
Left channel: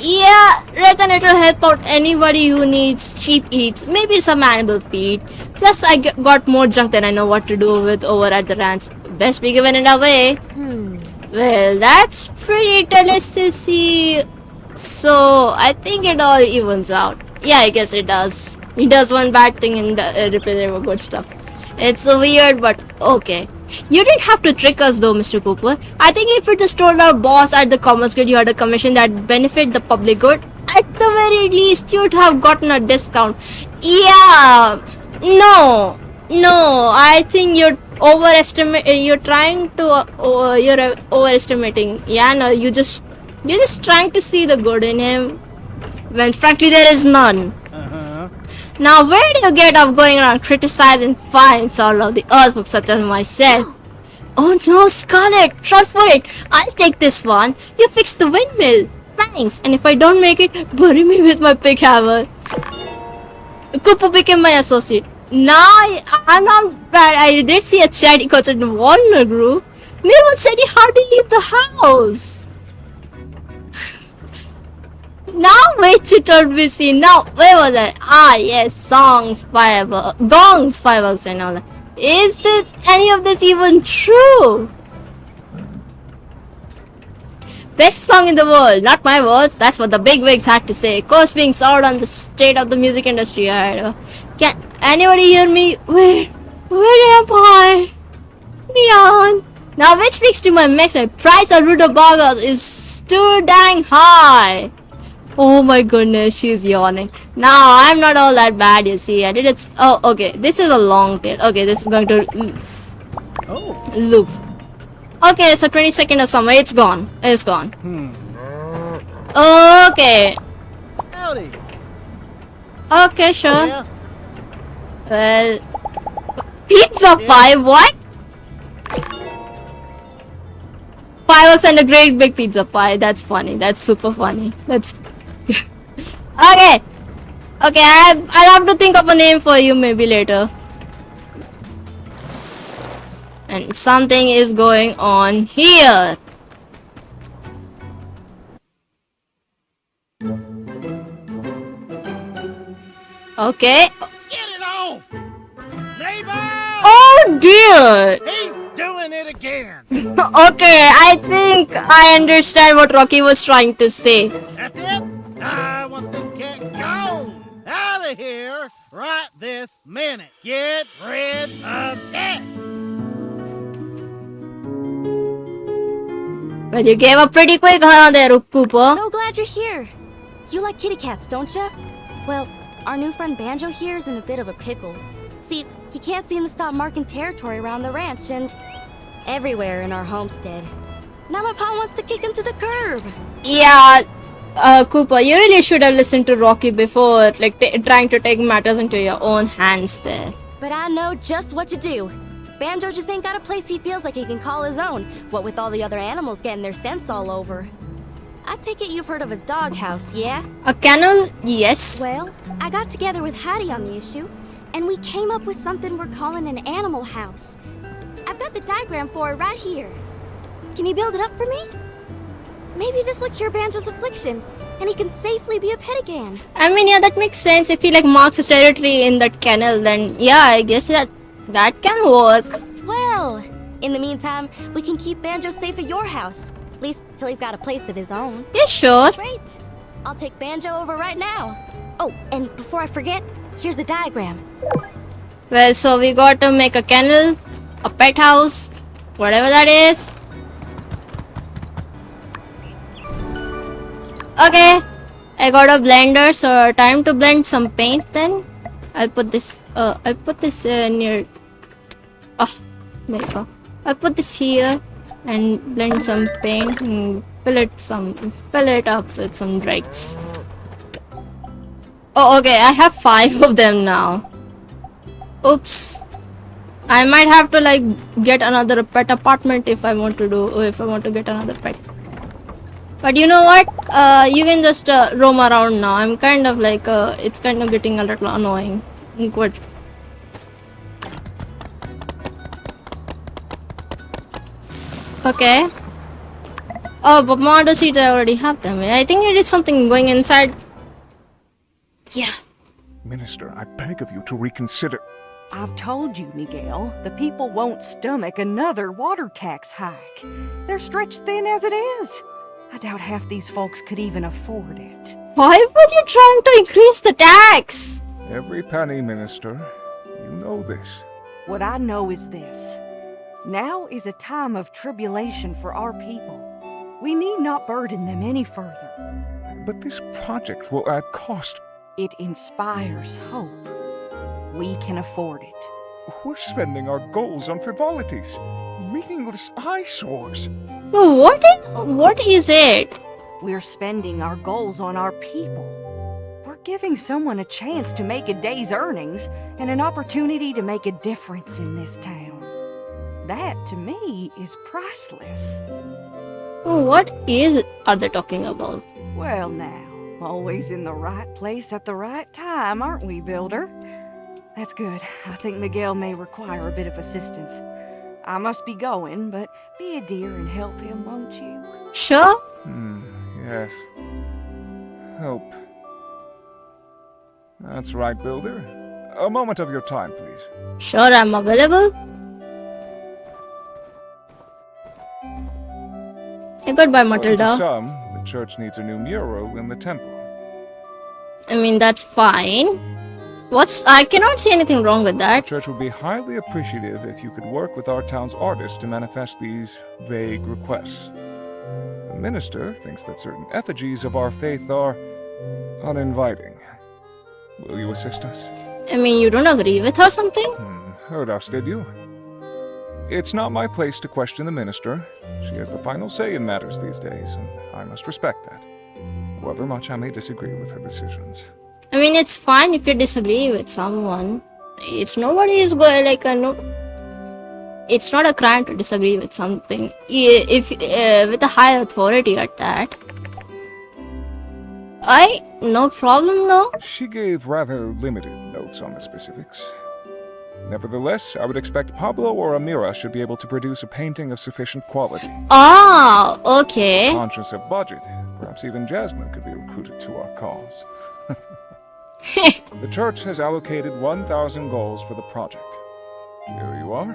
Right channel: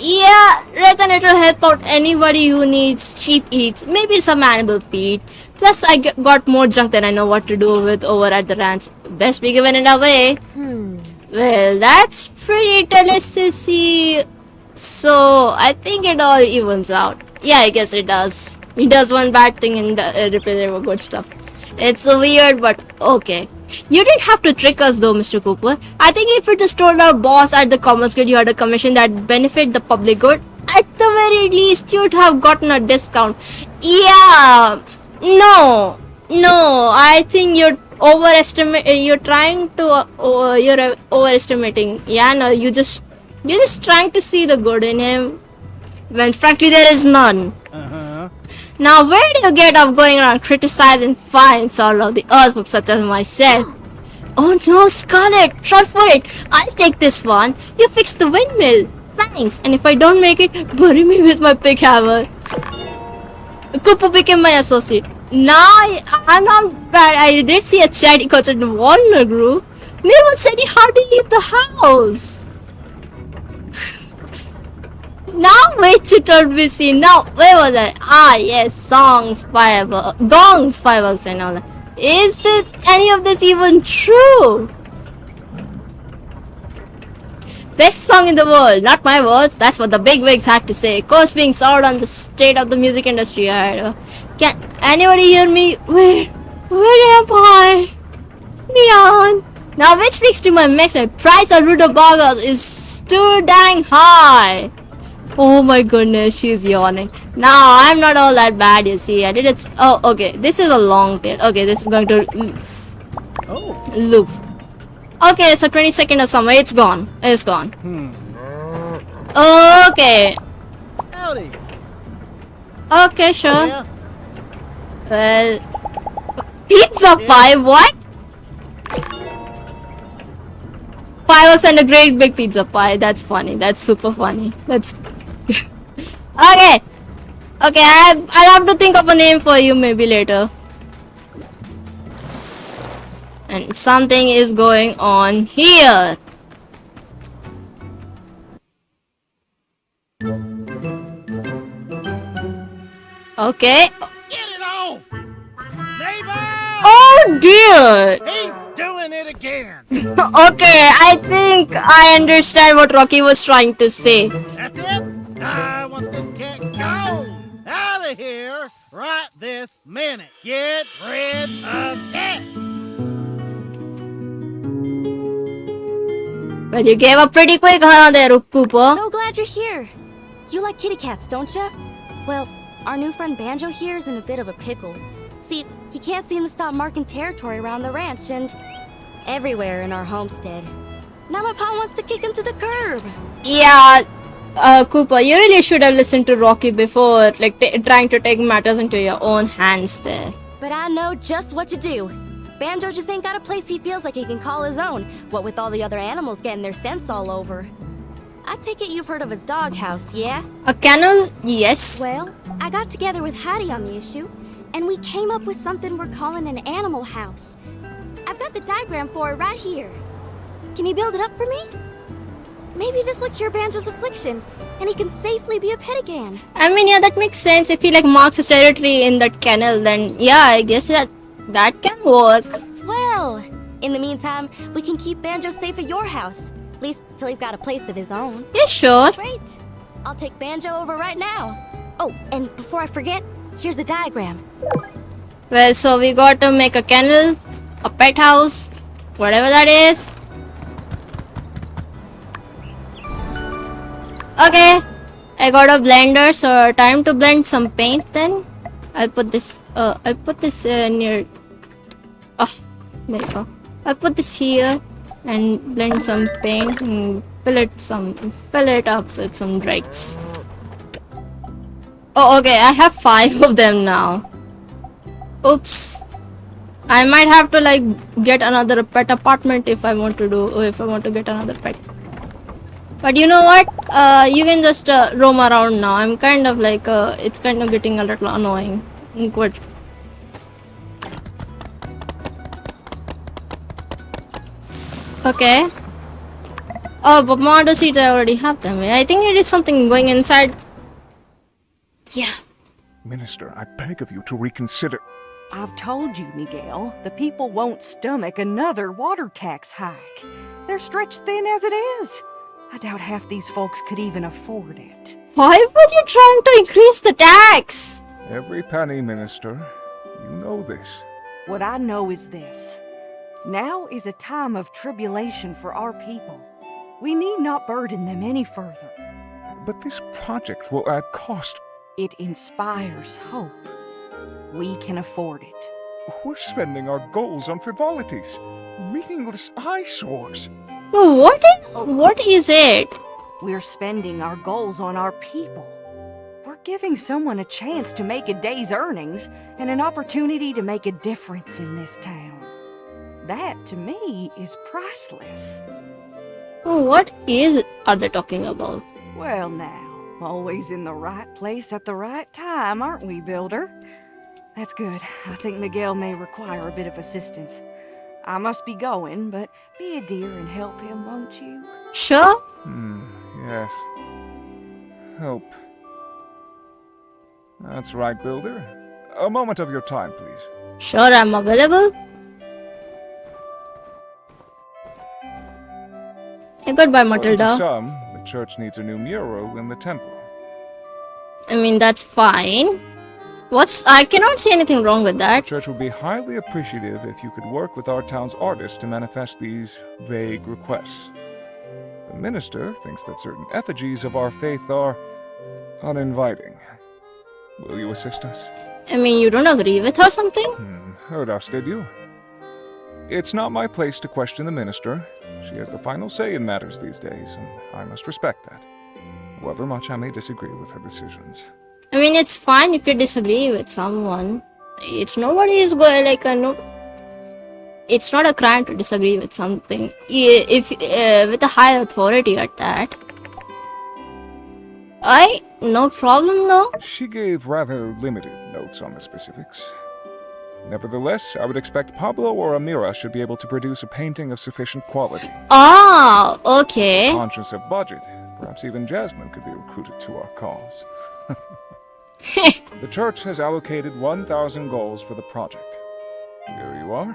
Yeah, reckon it will help out anybody who needs cheap eats, maybe some animal feed. Plus, I got more junk than I know what to do with over at the ranch. Best be giving it away. Well, that's pretty delicious. So, I think it all evens out. Yeah, I guess it does. He does one bad thing and replace good stuff. It's weird, but okay. You didn't have to trick us though, Mr. Cooper. I think if you just told our boss at the Commerce Guild you had a commission that benefit the public good, at the very least you'd have gotten a discount. Yeah, no, I think you're overestimating. Yeah, no, you're just trying to see the good in him, when frankly there is none. Now, where do you get off going around criticizing finds all of the earthbooks such as myself? Oh no, Scarlet, run for it. I'll take this one. You fix the windmill. Thanks. And if I don't make it, bury me with my pick hammer. Cooper became my associate. Nah, I'm not bad. I did see a chat because in Walnut Group. Mayone said he hardly leave the house. Now wait to turn busy. Now where was I? Ah yes, gongs, fireworks and all that. Is this any of this even true? Best song in the world, not my words. That's what the bigwigs had to say. Course being soured on the state of the music industry. Can anybody hear me? Where am I? Neon. Now which speaks to my next one. Price of rutabaga is too dang high. Oh my goodness, she's yawning. Now, I'm not all that bad, you see. I did it. Oh, okay. This is a long tail. Okay, this is going to loop. Okay, so 20 seconds or somewhere. It's gone. It's gone. Okay. Howdy. Okay, sure. Yeah. Well, pizza pie, what? Fireworks and a great big pizza pie. That's funny. That's super funny. That's... Okay, I'll have to think of a name for you maybe later. And something is going on here. Okay. Get it off! Neighbor! Oh dear! He's doing it again! Okay, I think I understand what Rocky was trying to say. That's it? I want this cat gone! Out of here right this minute! Get rid of it! Well, you gave up pretty quick, huh, there, Koopa? So glad you're here. You like kitty cats, don't ya? Well, our new friend Banjo here is in a bit of a pickle. See, he can't seem to stop marking territory around the ranch and everywhere in our homestead. Now my pa wants to kick him to the curb. Yeah, Koopa, you really should have listened to Rocky before, like, trying to take matters into your own hands there. But I know just what to do. Banjo just ain't got a place he feels like he can call his own, what with all the other animals getting their scents all over. I take it you've heard of a doghouse, yeah? A kennel? Yes. Well, I got together with Hattie on the issue, and we came up with something we're calling an animal house. I've got the diagram for it right here. Can you build it up for me? Maybe this'll cure Banjo's affliction, and he can safely be a pet again. I mean, yeah, that makes sense. If he, like, marks his territory in that kennel, then, yeah, I guess that can work. Swell! In the meantime, we can keep Banjo safe at your house. At least till he's got a place of his own. Yeah, sure. Great. I'll take Banjo over right now. Oh, and before I forget, here's the diagram. Well, so we got to make a kennel, a pet house, whatever that is. Okay, I got a blender, so time to blend some paint then. I'll put this near. Oh, there you go. I'll put this here and blend some paint and fill it up with some dregs. Oh, okay, I have 5 of them now. Oops. I might have to, like, get another pet apartment if I want to get another pet. But you know what? You can just roam around now. I'm kind of like, it's kind of getting a little annoying. Good. Okay. Oh, but model seats, I already have them. I think it is something going inside. Yeah. Minister, I beg of you to reconsider. I've told you, Miguel, the people won't stomach another water tax hike. They're stretched thin as it is. I doubt half these folks could even afford it. Why were you trying to increase the tax? Every penny, Minister. You know this. What I know is this. Now is a time of tribulation for our people. We need not burden them any further. But this project will add cost. It inspires hope. We can afford it. We're spending our goals on frivolities, meaningless eyesores. What is it? We're spending our goals on our people. We're giving someone a chance to make a day's earnings and an opportunity to make a difference in this town. That, to me, is priceless. What are they talking about? Well now, always in the right place at the right time, aren't we, Builder? That's good. I think Miguel may require a bit of assistance. I must be going, but be a dear and help him, won't you? Sure. Yes. Help. That's right, Builder. A moment of your time, please. Sure, I'm available. Goodbye, Matilda. To some, the church needs a new mural in the temple. I mean, that's fine. I cannot see anything wrong with that. The church would be highly appreciative if you could work with our town's artists to manifest these vague requests. The minister thinks that certain effigies of our faith are uninviting. Will you assist us? I mean, you don't agree with her or something? Heard us, did you? It's not my place to question the minister. She has the final say in matters these days, and I must respect that, however much I may disagree with her decisions. I mean, it's fine if you disagree with someone. It's nobody is going like no. It's not a crime to disagree with something. If with a higher authority at that. No problem though. She gave rather limited notes on the specifics. Nevertheless, I would expect Pablo or Amira should be able to produce a painting of sufficient quality. Ah, okay. Conscious of budget, perhaps even Jasmine could be recruited to our cause. The church has allocated 1,000 goals for the project. Here you are.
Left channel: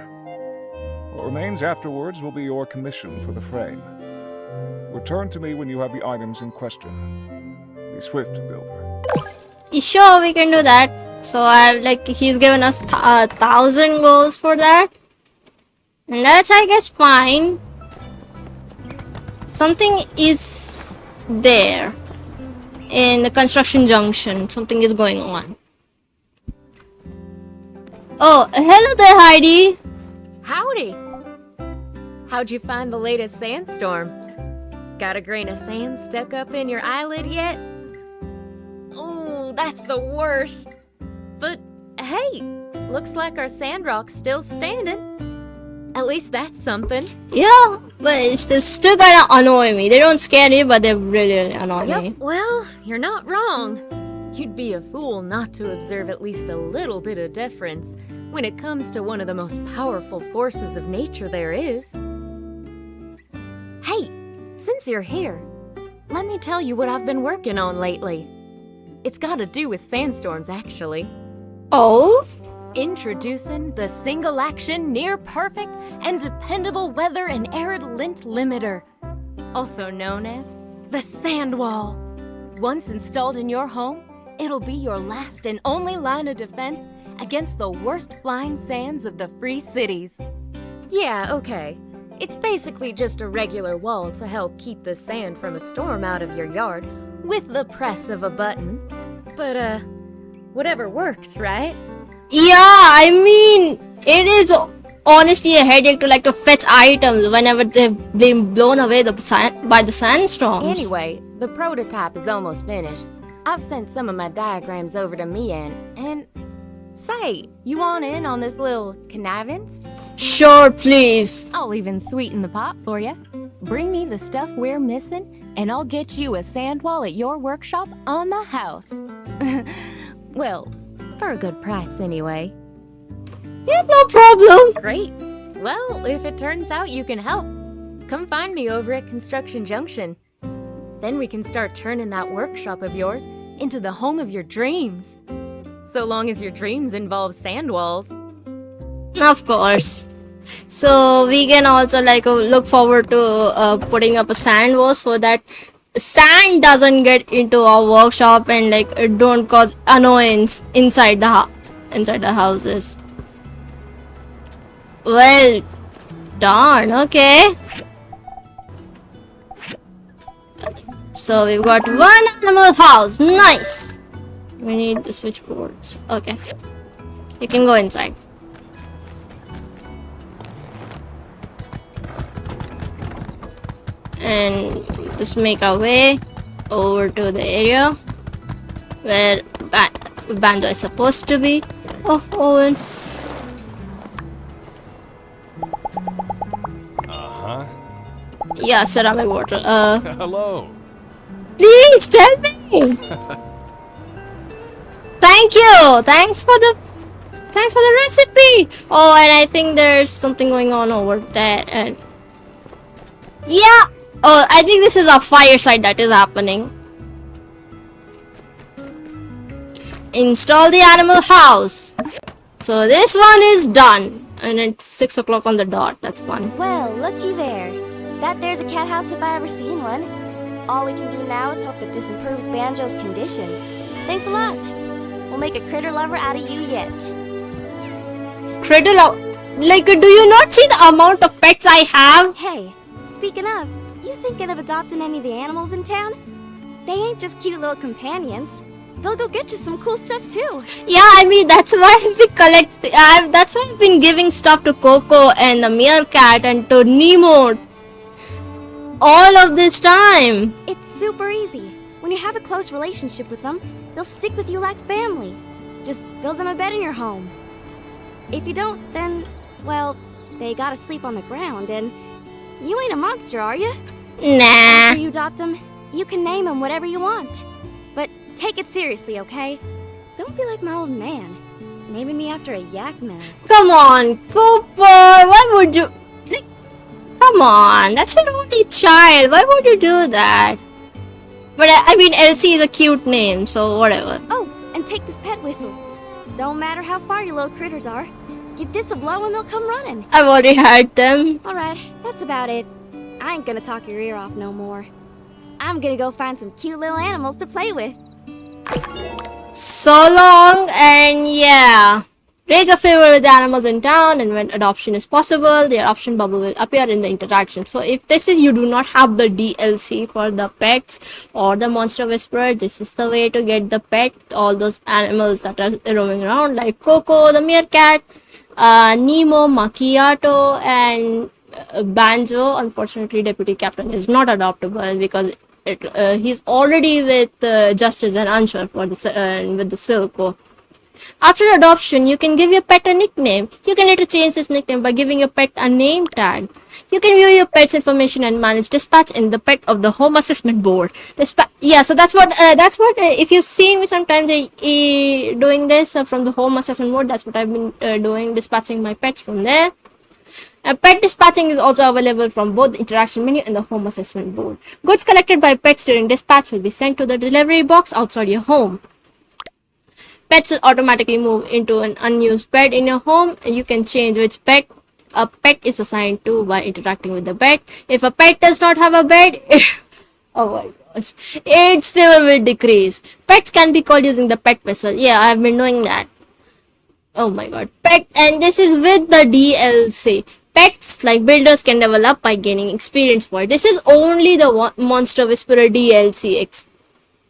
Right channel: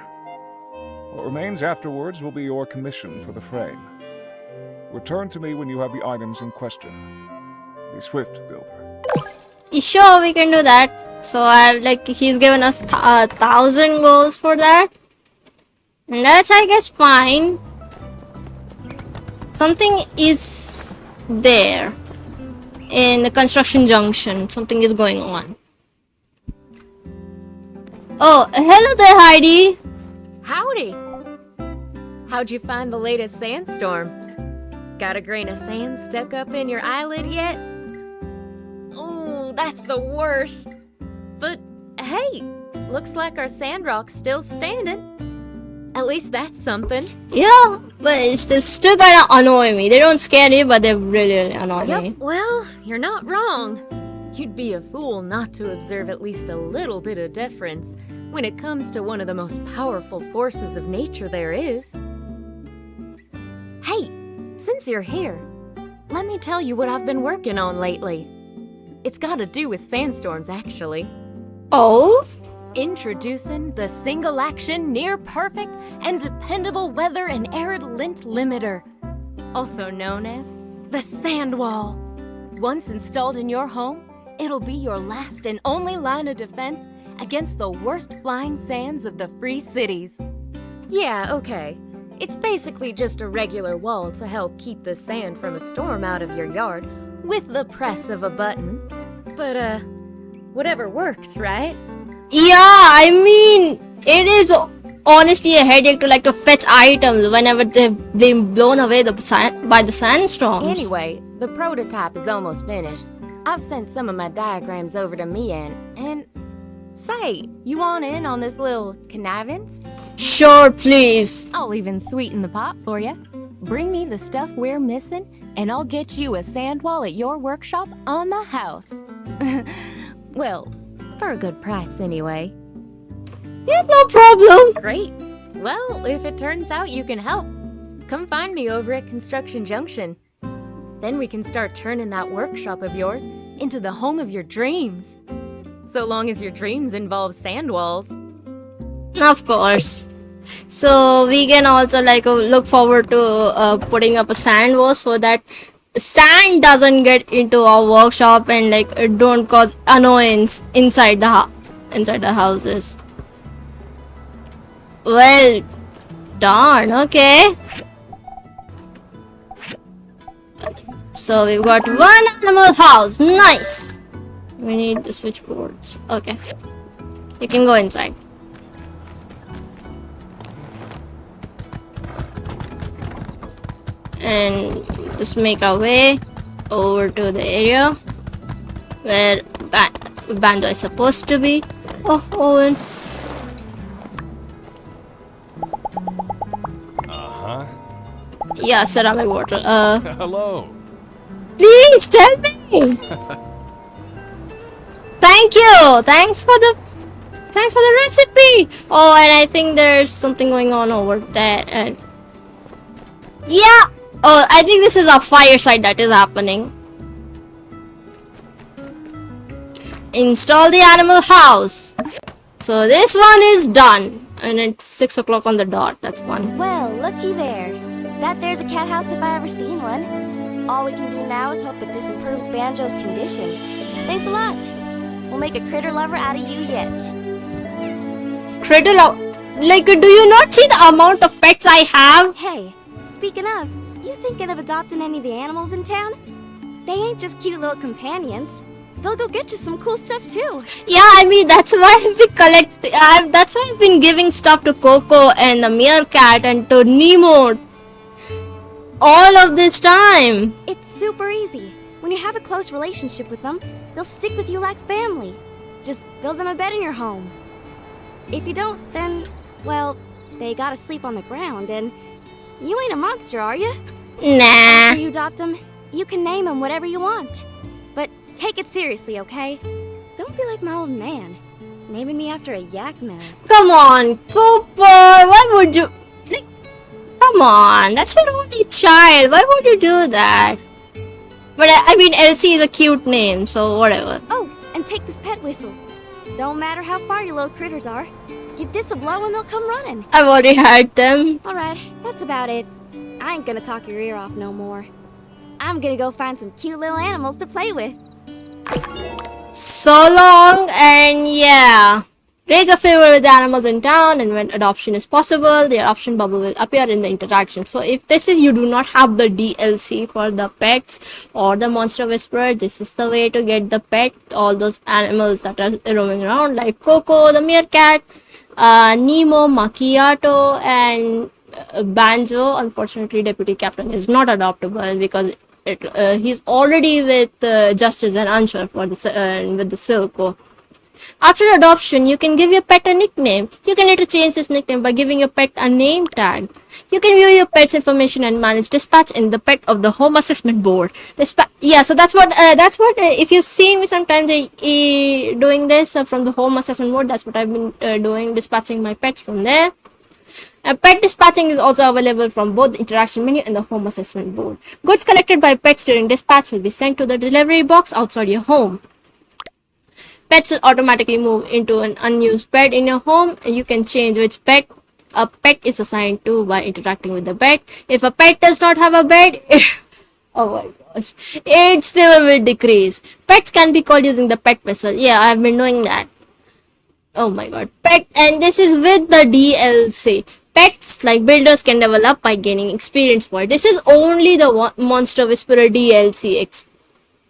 What remains afterwards will be your commission for the frame. Return to me when you have the items in question. Be swift, builder. Sure, we can do that. So he's given us 1,000 goals for that. And that's, I guess, fine. Something is there. In the construction junction, something is going on. Oh, hello there, Heidi. Howdy! How'd you find the latest sandstorm? Got a grain of sand stuck up in your eyelid yet? Ooh, that's the worst. But hey, looks like our Sandrock's still standing. At least that's something. Yeah, but it's still gonna annoy me. They don't scare me, but they really annoy me. Yep, well, you're not wrong. You'd be a fool not to observe at least a little bit of deference when it comes to one of the most powerful forces of nature there is. Hey, since you're here, let me tell you what I've been working on lately. It's got to do with sandstorms, actually. Oh? Introducing the single-action, near-perfect, and dependable weather and arid lint limiter, also known as the sand wall. Once installed in your home, it'll be your last and only line of defense against the worst flying sands of the free cities. Yeah, okay. It's basically just a regular wall to help keep the sand from a storm out of your yard with the press of a button. But, whatever works, right? Yeah, I mean, it is honestly a headache to fetch items whenever they've been blown away by the sandstorms. Anyway, the prototype is almost finished. I've sent some of my diagrams over to Mian, and say, you want in on this little connivance? Sure, please. I'll even sweeten the pot for you. Bring me the stuff we're missing, and I'll get you a sand wall at your workshop on the house. Well, for a good price anyway. Yeah, no problem. Great. Well, if it turns out you can help, come find me over at Construction Junction. Then we can start turning that workshop of yours into the home of your dreams. So long as your dreams involve sand walls. Of course. So we can also look forward to putting up a sand wall so that sand doesn't get into our workshop and it don't cause annoyance inside the houses. Well, darn, okay. So we've got one animal house. Nice. We need the switchboards. Okay. You can go inside. And just make our way over to the area where Banjo is supposed to be. Oh, Owen. Uh-huh. Yeah, ceramic water. Hello. Please tell me. Thank you. Thanks for the recipe. Oh, and I think there's something going on over there. And yeah. Oh, I think this is a fireside that is happening. Install the animal house. So this one is done. And it's 6 o'clock on the dot. That's fun. Well, looky there. That there's a cat house if I ever seen one. All we can do now is hope that this improves Banjo's condition. Thanks a lot. We'll make a critter lover out of you yet. Critter lover? Do you not see the amount of pets I have? Hey, speaking of, you thinking of adopting any of the animals in town? They ain't just cute little companions. They'll go get you some cool stuff too. Yeah, I mean that's why that's why I've been giving stuff to Coco and the meerkat and to Nemo all of this time. It's super easy. When you have a close relationship with them, they'll stick with you like family. Just build them a bed in your home. If you don't, then, well, they gotta sleep on the ground, and you ain't a monster, are you? Nah. After you adopt them, you can name them whatever you want. But take it seriously, okay? Don't be like my old man. naming me after a yak mouth. Come on, Cooper, why would you... Like, come on, that's an only child. Why would you do that? But I mean, Elsie is a cute name, so whatever. Oh, and take this pet whistle. Don't matter how far your little critters are. Give this a blow and they'll come running. I've already had them. Alright, that's about it. I ain't gonna talk your ear off no more. I'm gonna go find some cute little animals to play with. So long, and yeah. Raise a favor with the animals in town, and when adoption is possible, the adoption bubble will appear in the interaction. So if this is, you do not have the DLC for the pets or the monster whisperer, this is the way to get the pet, all those animals that are roaming around, like Coco, the meerkat, Nemo, Macchiato, and Banjo. Unfortunately, Deputy Captain is not adoptable because he's already with Justice and Unsuur for the with the Silco. After adoption, you can give your pet a nickname. You can later change this nickname by giving your pet a name tag. You can view your pet's information and manage dispatch in the pet of the home assessment board. Yeah, so that's what if you've seen me sometimes doing this from the home assessment board, that's what I've been doing, dispatching my pets from there. Pet dispatching is also available from both the interaction menu and the home assessment board. Goods collected by pets during dispatch will be sent to the delivery box outside your home. Pets will automatically move into an unused bed in your home, and you can change which pet a pet is assigned to by interacting with the bed. If a pet does not have a bed, oh my gosh, its favor will decrease. Pets can be called using the pet whistle. Yeah, I've been doing that. Oh my god, pet, and this is with the DLC. Pets like builders can develop by gaining experience points. This is only the Monster Whisperer DLC.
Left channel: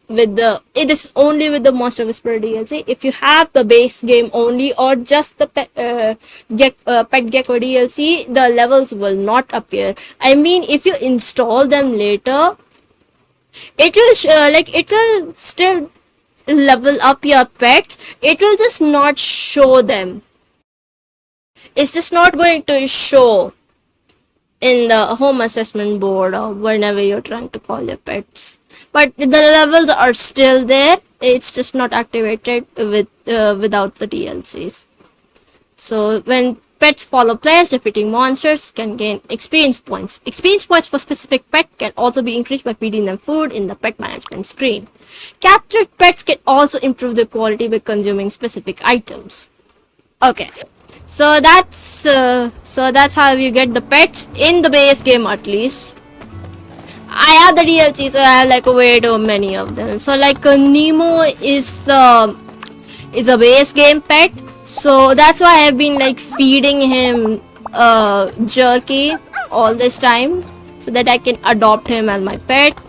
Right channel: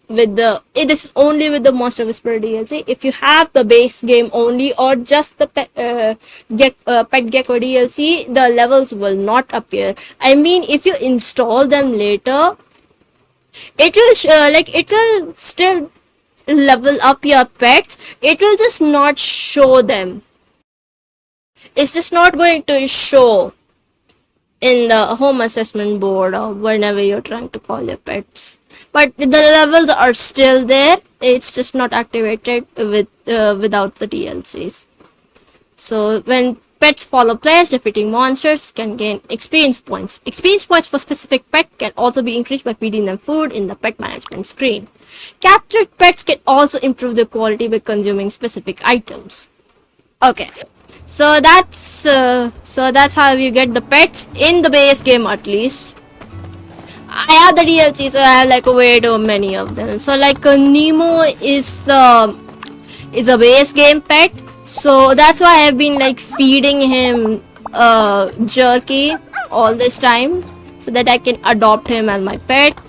This is only with the Monster Whisperer DLC. If you have the base game only or just the Pet Gecko DLC, the levels will not appear. I mean, if you install them later, it will still level up your pets. It will just not show them. It's just not going to show in the home assessment board or whenever you're trying to call your pets. But the levels are still there. It's just not activated without the DLCs. So when pets follow players, defeating monsters can gain experience points. Experience points for specific pet can also be increased by feeding them food in the pet management screen. Captured pets can also improve their quality by consuming specific items. Okay. So that's how you get the pets in the base game, at least. I have the DLC, so I have like way too many of them. So like Nemo is a base game pet, so that's why I've been like feeding him jerky all this time, so that I can adopt him as my pet.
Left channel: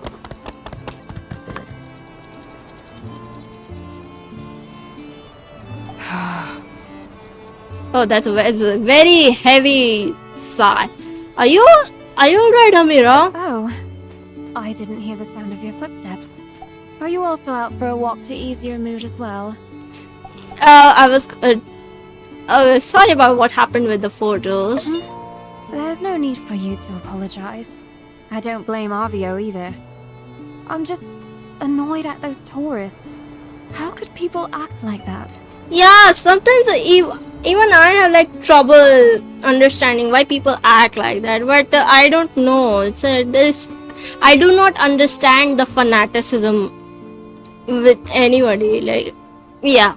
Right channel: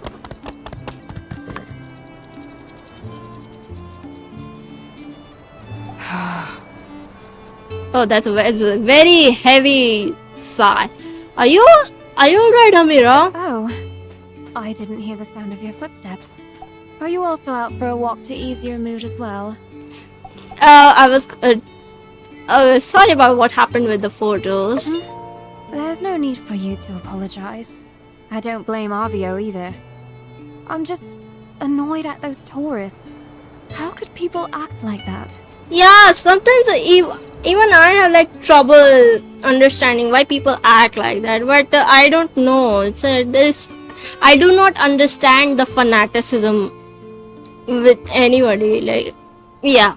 Oh, that's a very heavy sigh. Are you alright, Amira? Oh, I didn't hear the sound of your footsteps. Are you also out for a walk to ease your mood as well? I was sorry about what happened with the photos. There's no need for you to apologize. I don't blame Avio either. I'm just annoyed at those tourists. How could people act like that? Yeah, sometimes even I have like trouble understanding why people act like that, but I don't know. I do not understand the fanaticism with anybody. Like, yeah,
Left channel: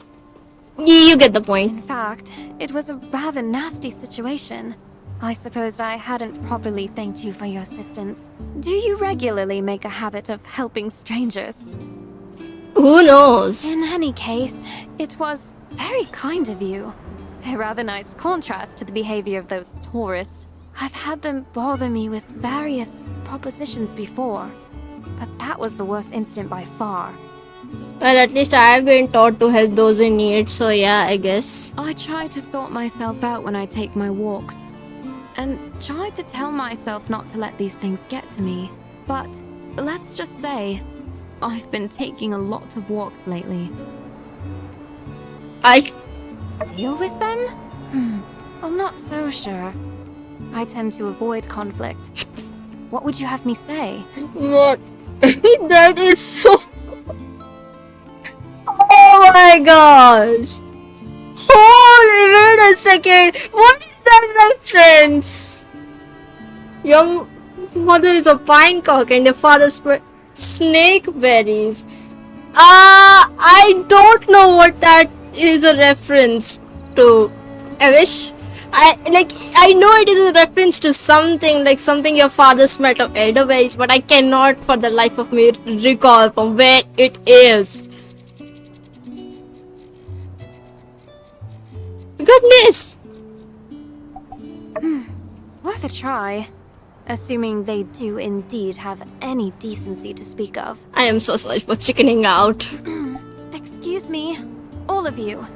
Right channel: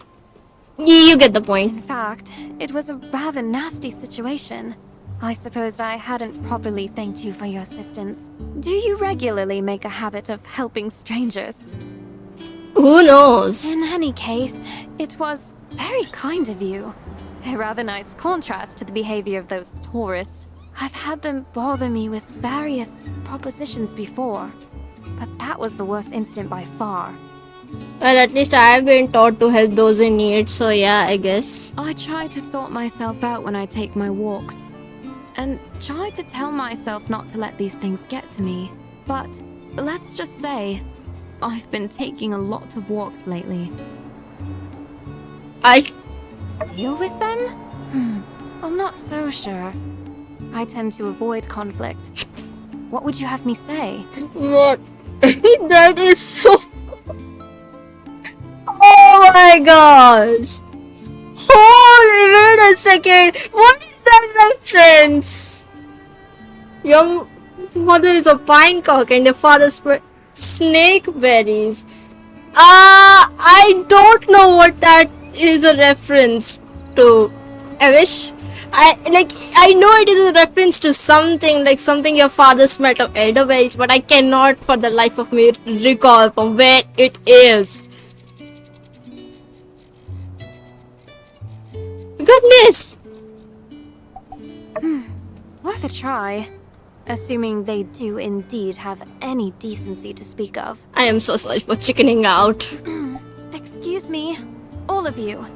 you get the point. In fact, it was a rather nasty situation. I suppose I hadn't properly thanked you for your assistance. Do you regularly make a habit of helping strangers? Who knows? In any case, it was very kind of you. A rather nice contrast to the behavior of those tourists. I've had them bother me with various propositions before, but that was the worst incident by far. Well, at least I have been taught to help those in need, so yeah, I guess. I try to sort myself out when I take my walks, and try to tell myself not to let these things get to me. But let's just say, I've been taking a lot of walks lately. Deal with them? I'm not so sure. I tend to avoid conflict. What would you have me say? What? That is so... Oh my gosh! Oh, wait a second. What is that reference? Your mother is a pinecock and your father's snake berries. I don't know what that is a reference to. I wish. I know it is a reference to something, like something your father smelt of elderberries, but I cannot for the life of me recall from where it is. Goodness! Worth a try. Assuming they do indeed have any decency to speak of. I am so sorry for chickening out. Excuse me, all of you.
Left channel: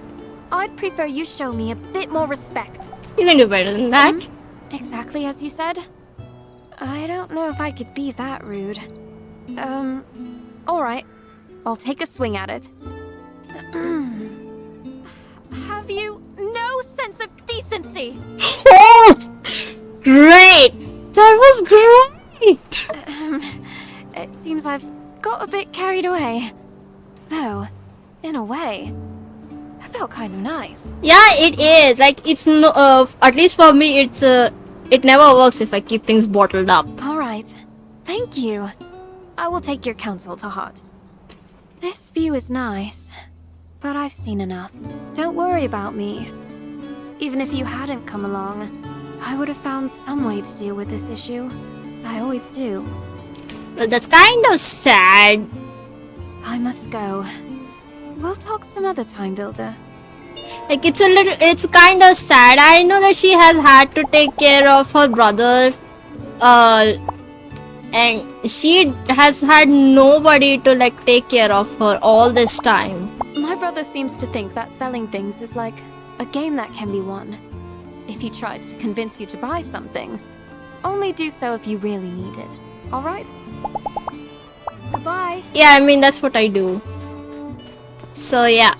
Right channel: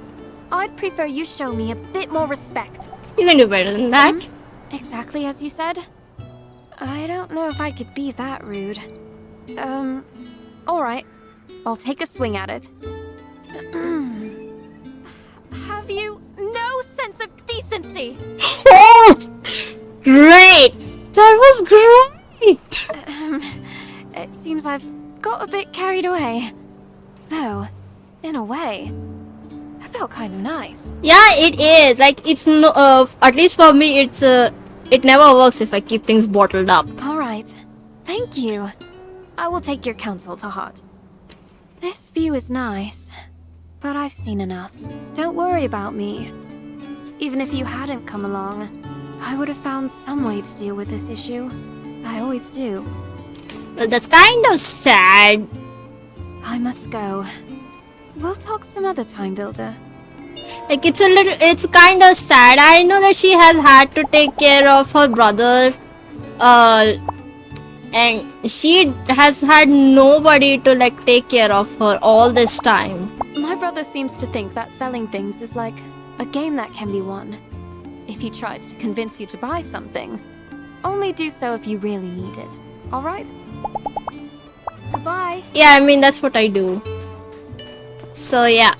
I'd prefer you show me a bit more respect. You can do better than that. Exactly as you said. I don't know if I could be that rude. Alright. I'll take a swing at it. Have you no sense of decency? Great! That was great! It seems I've got a bit carried away. Though, in a way, I felt kind of nice. Yeah, it is. Like, it's no, at least for me, it never works if I keep things bottled up. Alright. Thank you. I will take your counsel to heart. This view is nice, but I've seen enough. Don't worry about me. Even if you hadn't come along, I would have found some way to deal with this issue. I always do. Well, that's kind of sad. I must go. We'll talk some other time, Builder. Like, it's kind of sad. I know that she has had to take care of her brother. And she has had nobody to, like, take care of her all this time. My brother seems to think that selling things is like a game that can be won. If he tries to convince you to buy something, only do so if you really need it. Alright? Goodbye. Yeah, I mean, that's what I do. So, yeah.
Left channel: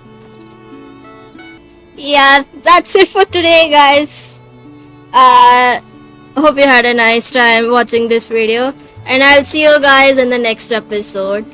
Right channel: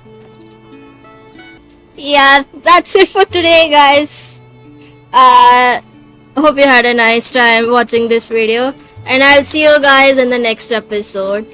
Yeah, that's it for today, guys. Hope you had a nice time watching this video. And I'll see you guys in the next episode.